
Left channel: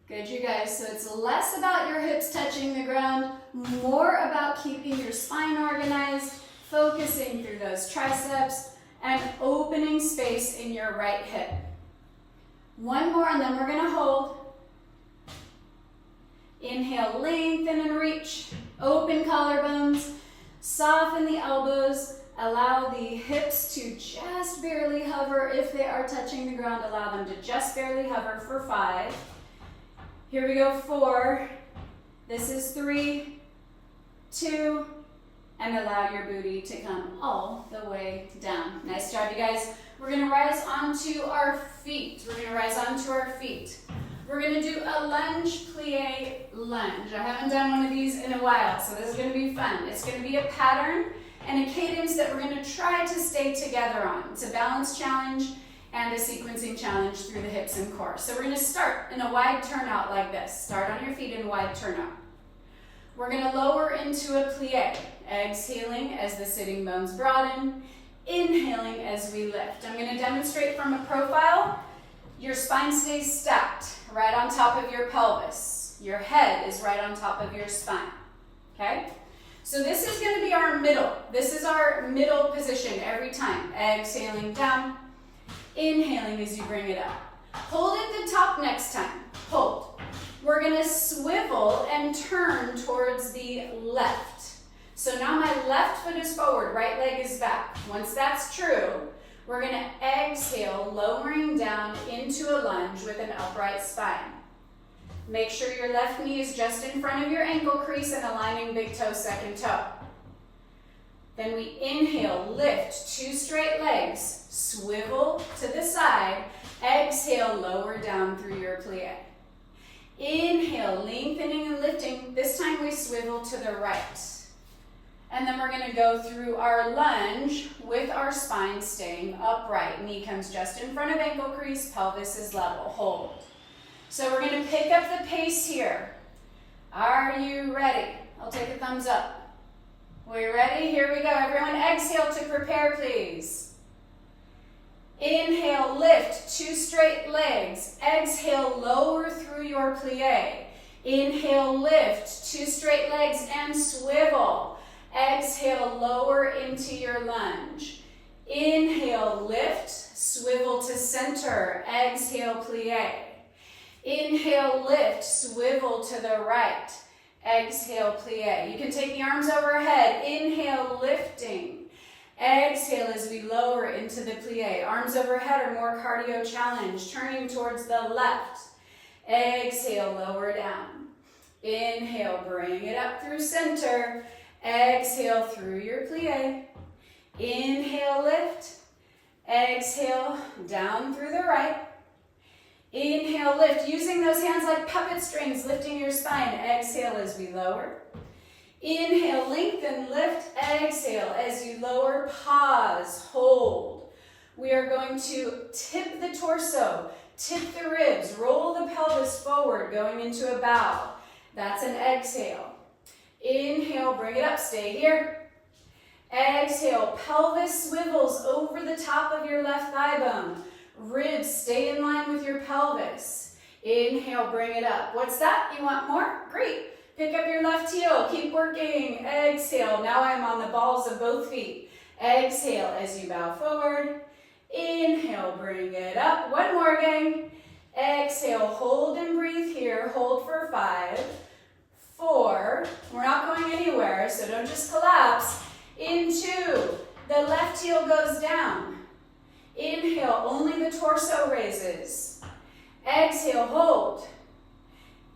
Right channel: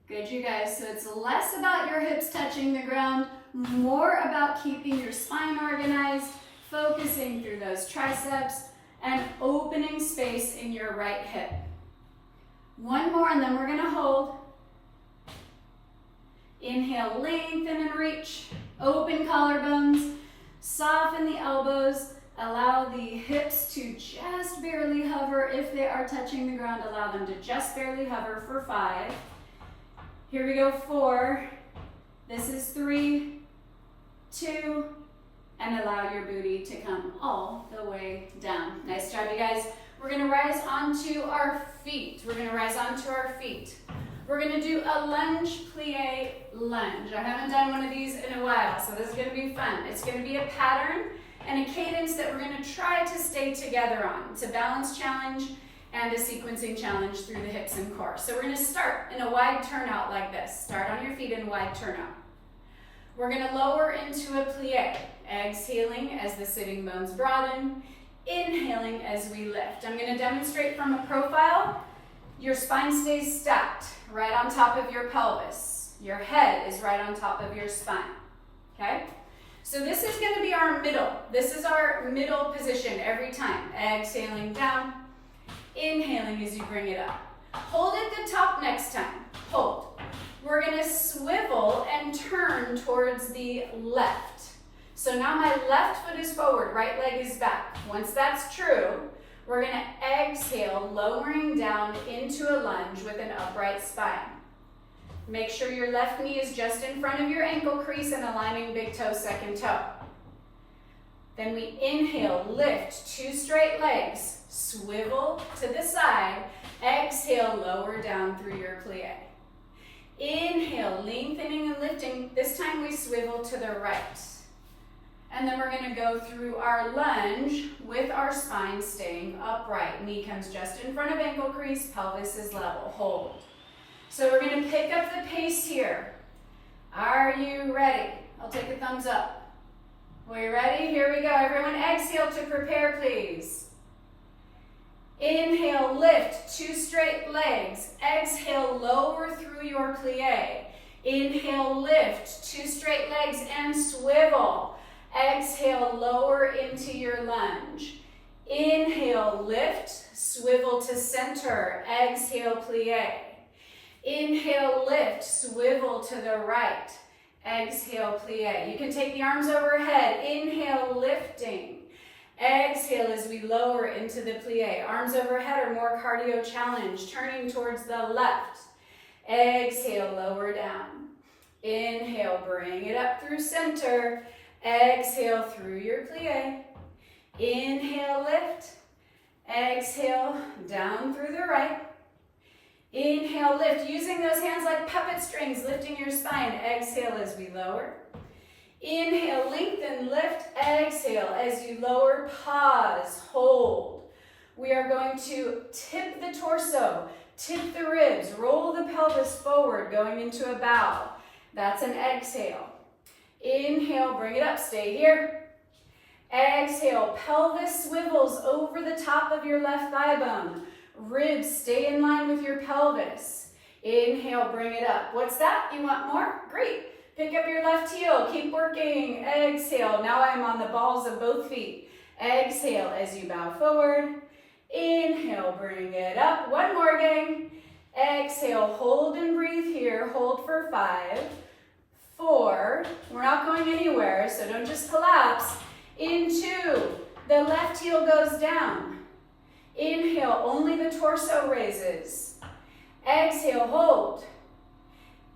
Good, you guys. So it's less about your hips touching the ground, more about keeping your spine organized, focusing through those triceps, and opening space in your right hip. One more, and then we're going to hold. Inhale, lengthen and reach. Open collarbones. Soften the elbows. Allow the hips to just barely hover. If they are touching the ground, allow them to just barely hover for 5. Here we go, 4. This is 3, 2, and allow your booty to come all the way down. Nice job, you guys. We're gonna rise onto our feet. We're gonna do a lunge, plie, lunge. I haven't done one of these in a while, so this is gonna be fun. It's gonna be a pattern and a cadence that we're gonna try to stay together on. It's a balance challenge and a sequencing challenge through the hips and core. So we're gonna start in a wide turnout like this. Start on your feet in a wide turnout. We're gonna lower into a plie, exhaling as the sitting bones broaden, inhaling as we lift. I'm gonna demonstrate from a profile. Your spine stays stacked right on top of your pelvis. Your head is right on top of your spine, okay? So this is gonna be our middle. This is our middle position every time. Exhaling down, inhaling as you bring it up. Hold at the top next time. Hold. We're gonna swivel and turn towards the left. So now my left foot is forward, right leg is back. Once that's true, we're gonna exhale, lowering down into a lunge with an upright spine. Make sure your left knee is just in front of your ankle crease and aligning big toe, second toe. Then we inhale, lift, 2 straight legs, swivel to the side, exhale, lower down through your plie. Inhale, lengthening and lifting. This time we swivel to the right. And then we're gonna go through our lunge with our spine staying upright. Knee comes just in front of ankle crease, pelvis is level. Hold. So we're going to pick up the pace here. Are you ready? I'll take a thumbs up. We ready? Here we go. Everyone exhale to prepare, please. Inhale, lift, 2 straight legs. Exhale, lower through your plie. Inhale, lift, 2 straight legs and swivel. Exhale, lower into your lunge. Inhale, lift, swivel to center. Exhale, plie. Inhale, lift, swivel to the right. Exhale, plie. You can take the arms overhead. Inhale, lifting. Exhale as we lower into the plie. Arms overhead or more cardio challenge. Turning towards the left. Exhale, lower down. Inhale, bring it up through center. Exhale through your plie. Inhale, lift. Exhale, down through the right. Inhale, lift. Using those hands like puppet strings, lifting your spine. Exhale as we lower. Inhale, lengthen, lift. Exhale as you lower. Pause, hold. We are going to tip the torso, tip the ribs, roll the pelvis forward, going into a bow. That's an exhale. Inhale, bring it up, stay here. Exhale, pelvis swivels over the top of your left thigh bone. Ribs stay in line with your pelvis. Inhale, bring it up. What's that? You want more? Great. Pick up your left heel, keep working. Exhale, now I'm on the balls of both feet. Exhale as you bow forward. Inhale, bring it up. One more, gang. Exhale, hold and breathe here. Hold for 5, 4. We're not going anywhere, so don't just collapse. In 2, the left heel goes down. Inhale, only the torso raises. Exhale, hold.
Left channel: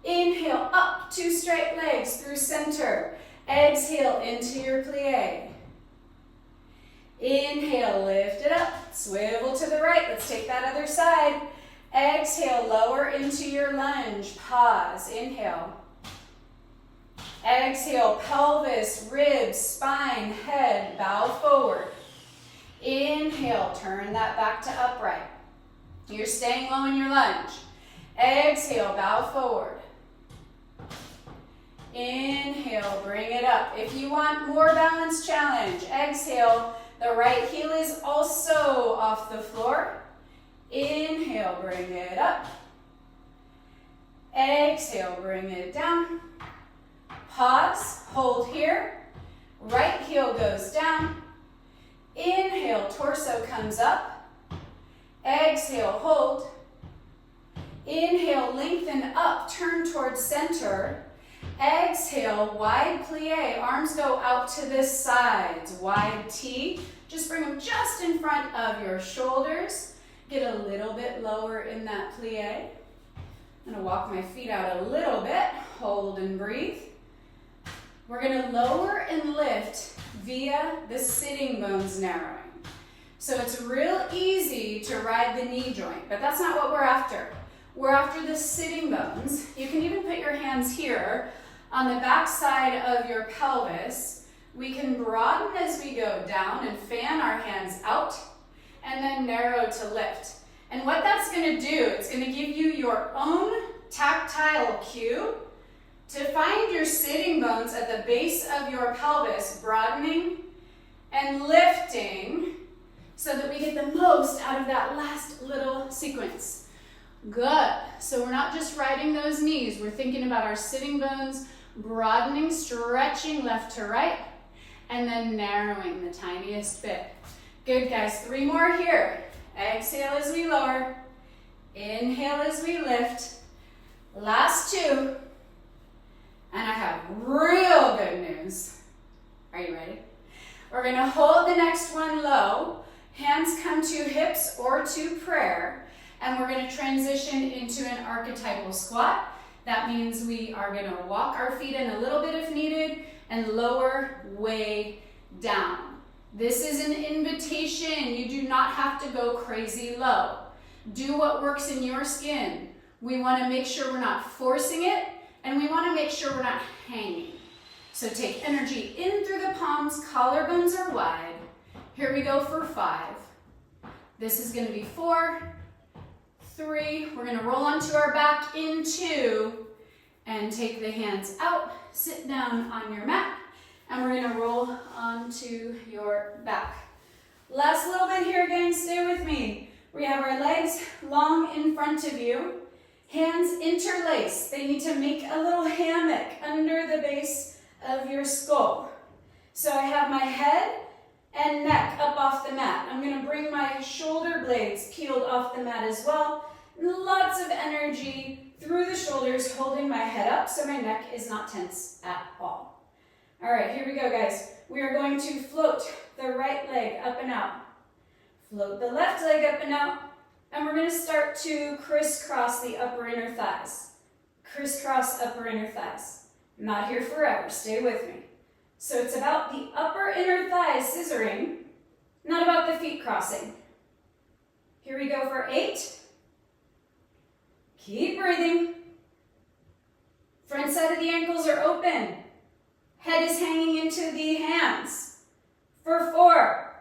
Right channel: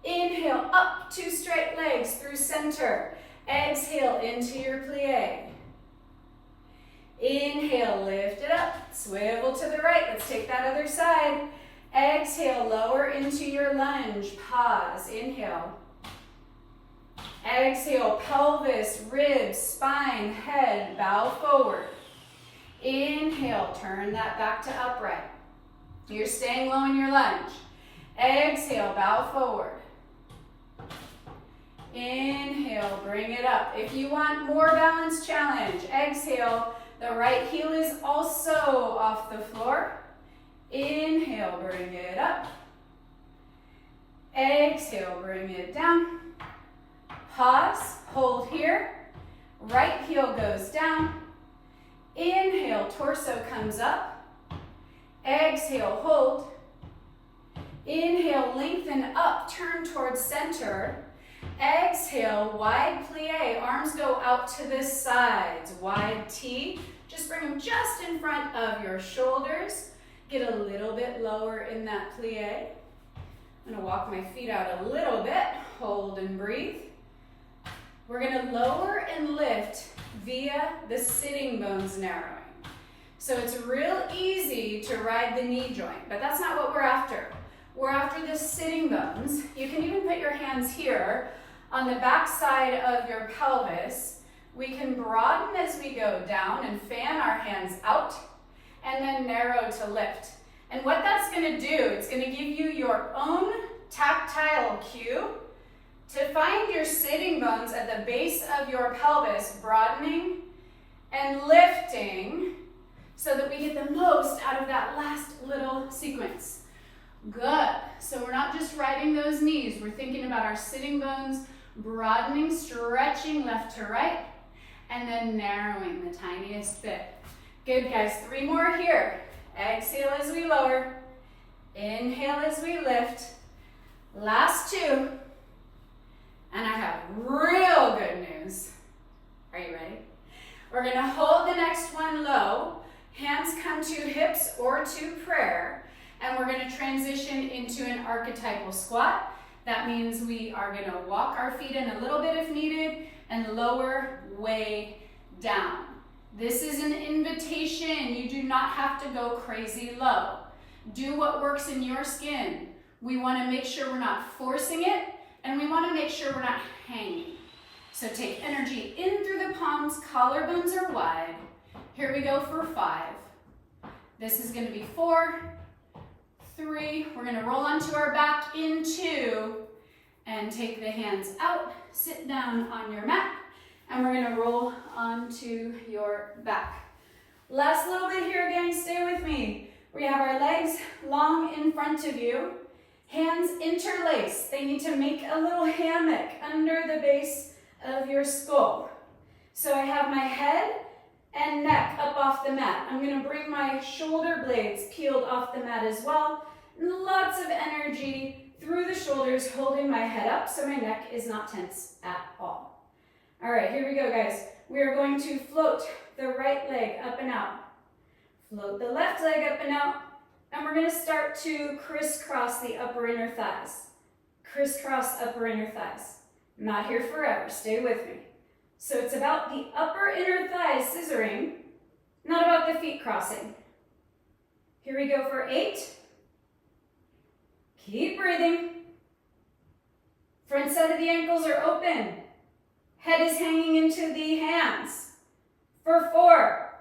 Inhale, up, 2 straight legs through center. Exhale, into your plie. Inhale, lift it up, swivel to the right. Let's take that other side. Exhale, lower into your lunge. Pause, inhale. Exhale, pelvis, ribs, spine, head, bow forward. Inhale, turn that back to upright. You're staying low in your lunge. Exhale, bow forward. Inhale, bring it up. If you want more balance challenge, exhale, the right heel is also off the floor. Inhale, bring it up. Exhale, bring it down. Pause, hold here. Right heel goes down. Inhale, torso comes up. Exhale, hold. Inhale, lengthen up, turn towards center. Exhale, wide plie, arms go out to the sides. Wide T, just bring them just in front of your shoulders. Get a little bit lower in that plie. I'm gonna walk my feet out a little bit, hold and breathe. We're gonna lower and lift via the sitting bones narrowing. So it's real easy to ride the knee joint, but that's not what we're after. We're after the sitting bones. You can even put your hands here on the back side of your pelvis. We can broaden as we go down and fan our hands out and then narrow to lift. And what that's gonna do, it's gonna give you your own tactile cue to find your sitting bones at the base of your pelvis, broadening and lifting so that we get the most out of that last little sequence. Good. So we're not just riding those knees. We're thinking about our sitting bones, broadening, stretching left to right, and then narrowing the tiniest bit. Good, guys. 3 more here. Exhale as we lower. Inhale as we lift. Last 2. And I have real good news. Are you ready? We're gonna hold the next one low. Hands come to hips or to prayer. And we're gonna transition into an archetypal squat. That means we are gonna walk our feet in a little bit if needed and lower way down. This is an invitation. You do not have to go crazy low. Do what works in your skin. We wanna make sure we're not forcing it, and we wanna make sure we're not hanging. So take energy in through the palms, collarbones are wide. Here we go for 5. This is gonna be 4, 3. We're gonna roll onto our back in 2 and take the hands out, sit down on your mat, and we're gonna roll onto your back. Last little bit here, gang, stay with me. We have our legs long in front of you, hands interlace. They need to make a little hammock under the base of your skull. So I have my head and neck up off the mat. I'm gonna bring my shoulder blades peeled off the mat as well. Lots of energy through the shoulders, holding my head up so my neck is not tense at all. All right, here we go, guys. We are going to float the right leg up and out. Float the left leg up and out. And we're gonna start to crisscross the upper inner thighs. Crisscross upper inner thighs. I'm not here forever, stay with me. So it's about the upper inner thighs scissoring, not about the feet crossing. Here we go for 8. Keep breathing. Front side of the ankles are open. Head is hanging into the hands. For 4,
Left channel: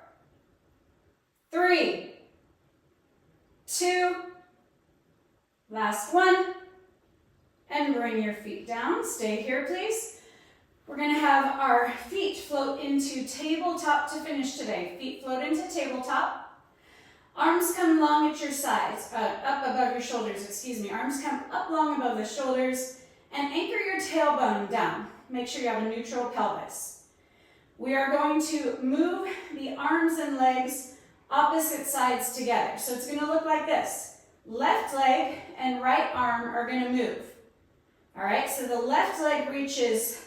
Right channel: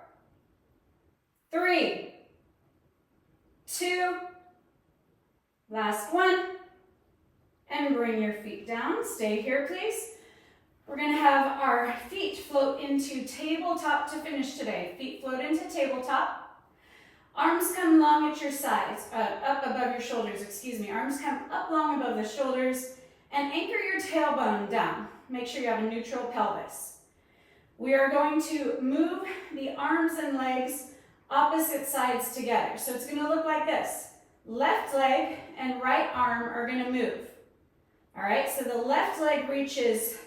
3, 2, last 1, and bring your feet down. Stay here, please. We're gonna have our feet float into tabletop to finish today. Feet float into tabletop. Arms come long at your sides, up above your shoulders, excuse me. Arms come up long above the shoulders and anchor your tailbone down. Make sure you have a neutral pelvis. We are going to move the arms and legs opposite sides together. So it's gonna look like this. Left leg and right arm are gonna move. All right, so the left leg reaches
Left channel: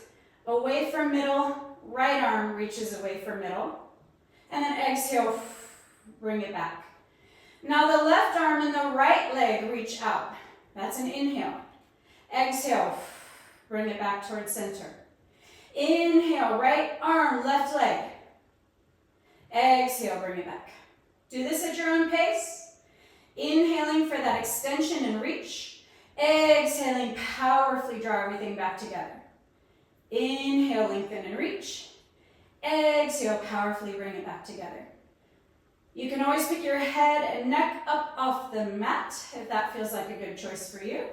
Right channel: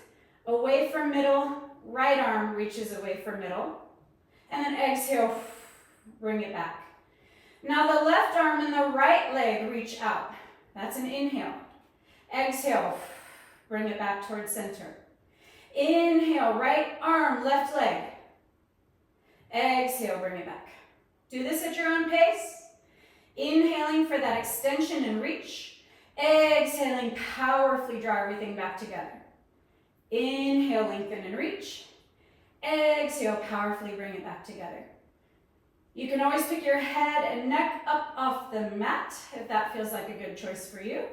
away from middle, right arm reaches away from middle, and then exhale, bring it back. Now the left arm and the right leg reach out. That's an inhale. Exhale, bring it back towards center. Inhale, right arm, left leg. Exhale, bring it back. Do this at your own pace. Inhaling for that extension and reach. Exhaling, powerfully draw everything back together. Inhale, lengthen and reach. Exhale, powerfully bring it back together. You can always pick your head and neck up off the mat if that feels like a good choice for you.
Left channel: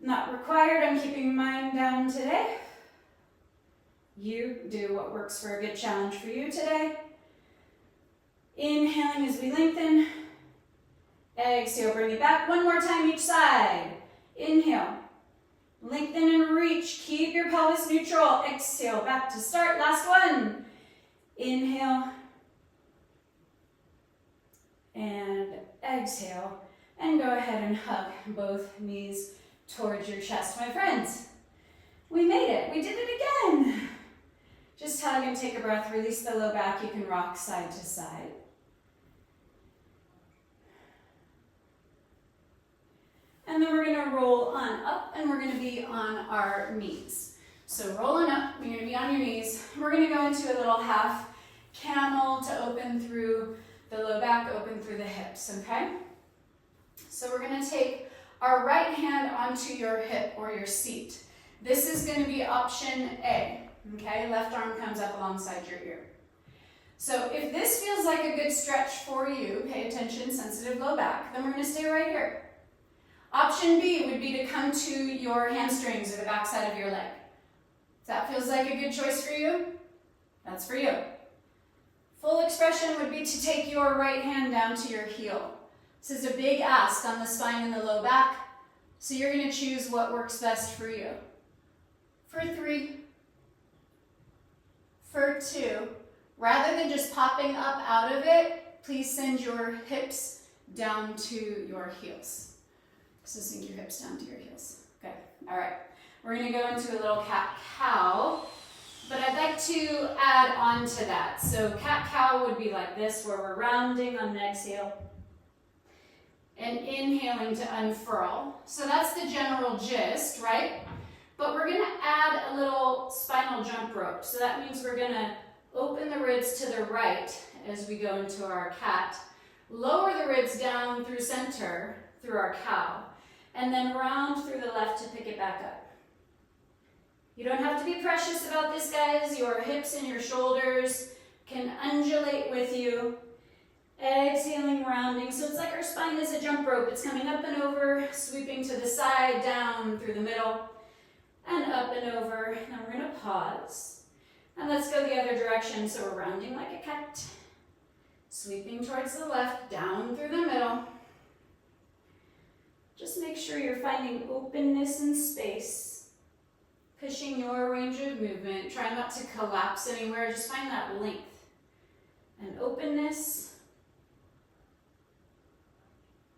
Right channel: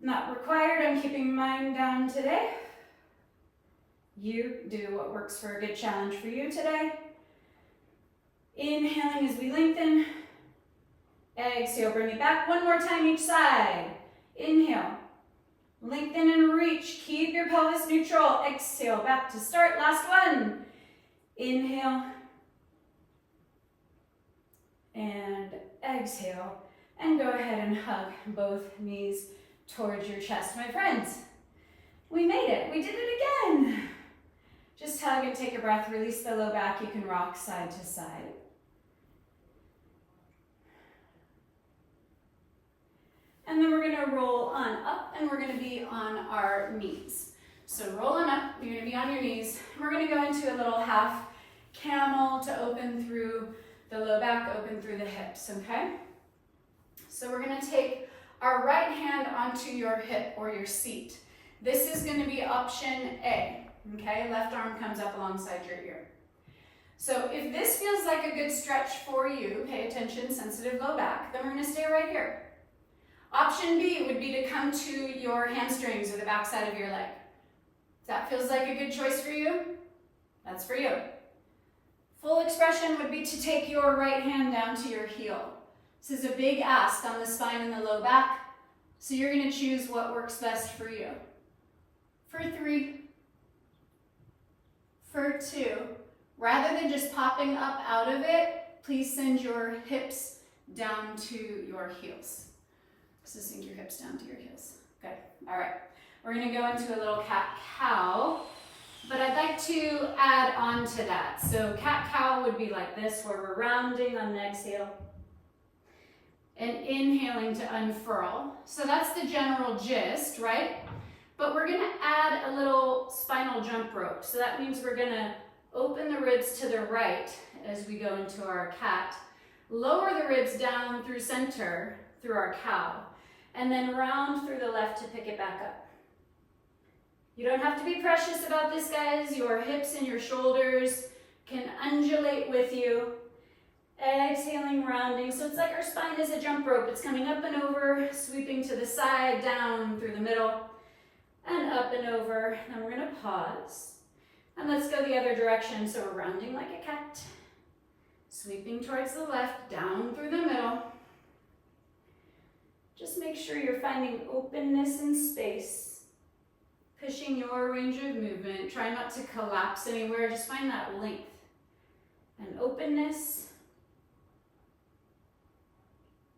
Not required, I'm keeping mine down today. You do what works for a good challenge for you today. Inhaling as we lengthen. Exhale, bring it back. One more time each side. Inhale. Lengthen and reach. Keep your pelvis neutral. Exhale, back to start. Last one. Inhale. And exhale. And go ahead and hug both knees towards your chest. My friends, we made it. We did it again. Just hug and take a breath. Release the low back. You can rock side to side. And then we're gonna roll on up and we're gonna be on our knees. So rolling up, you're gonna be on your knees. We're gonna go into a little half camel to open through the low back, open through the hips, okay? So we're gonna take our right hand onto your hip or your seat. This is gonna be option A, okay? Left arm comes up alongside your ear. So if this feels like a good stretch for you, pay attention, sensitive low back, then we're gonna stay right here. Option B would be to come to your hamstrings or the backside of your leg. If that feels like a good choice for you, that's for you. Full expression would be to take your right hand down to your heel. This is a big ask on the spine and the low back, so you're going to choose what works best for you. For 3, for 2, rather than just popping up out of it, please send your hips down to your heels. So sink your hips down to your heels. Good. All right. We're going to go into a little cat-cow, but I'd like to add on to that. So cat-cow would be like this, where we're rounding on an exhale and inhaling to unfurl. So that's the general gist, right? But we're going to add a little spinal jump rope. So that means we're going to open the ribs to the right as we go into our cat, lower the ribs down through center through our cow, and then round through the left to pick it back up. You don't have to be precious about this, guys. Your hips and your shoulders can undulate with you. Exhaling, rounding. So it's like our spine is a jump rope. It's coming up and over, sweeping to the side, down through the middle, and up and over. Then we're going to pause. And let's go the other direction. So we're rounding like a cat, sweeping towards the left, down through the middle. Just make sure you're finding openness and space, pushing your range of movement. Try not to collapse anywhere. Just find that length and openness.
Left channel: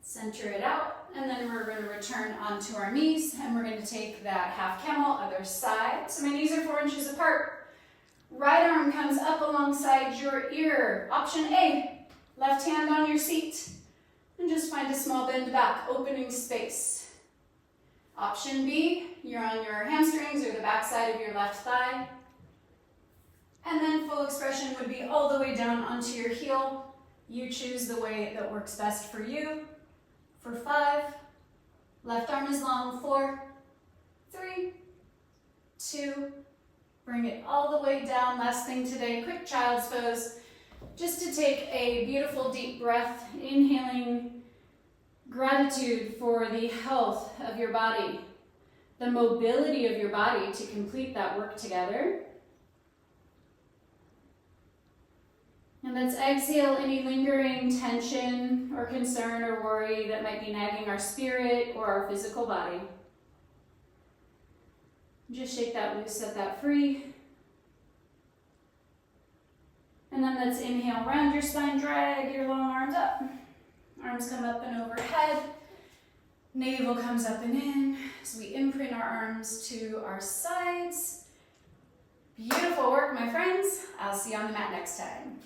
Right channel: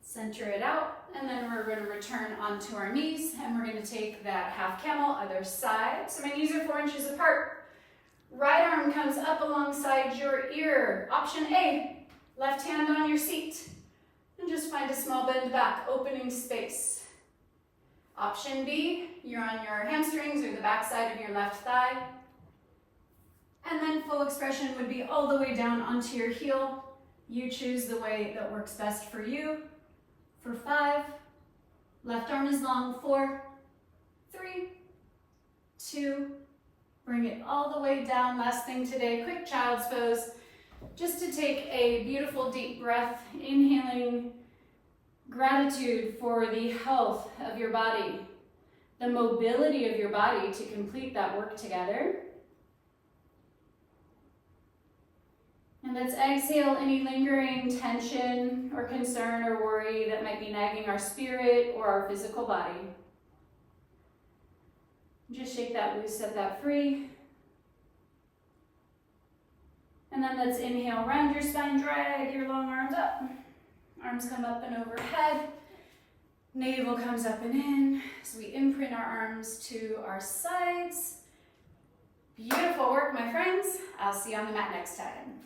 Center it out, and then we're going to return onto our knees, and we're going to take that half camel, other side. So my knees are 4 inches apart. Right arm comes up alongside your ear. Option A, left hand on your seat, and just find a small bend back, opening space. Option B, you're on your hamstrings or the back side of your left thigh. And then full expression would be all the way down onto your heel. You choose the way that works best for you. For 5, left arm is long, 4, 3, 2, bring it all the way down. Last thing today, quick child's pose, just to take a beautiful deep breath, inhaling gratitude for the health of your body, the mobility of your body to complete that work together. And let's exhale any lingering tension or concern or worry that might be nagging our spirit or our physical body. Just shake that loose, set that free. And then let's inhale, round your spine, drag your long arms up. Arms come up and overhead. Navel comes up and in. So we imprint our arms to our sides. Beautiful work, my friends. I'll see you on the mat next time.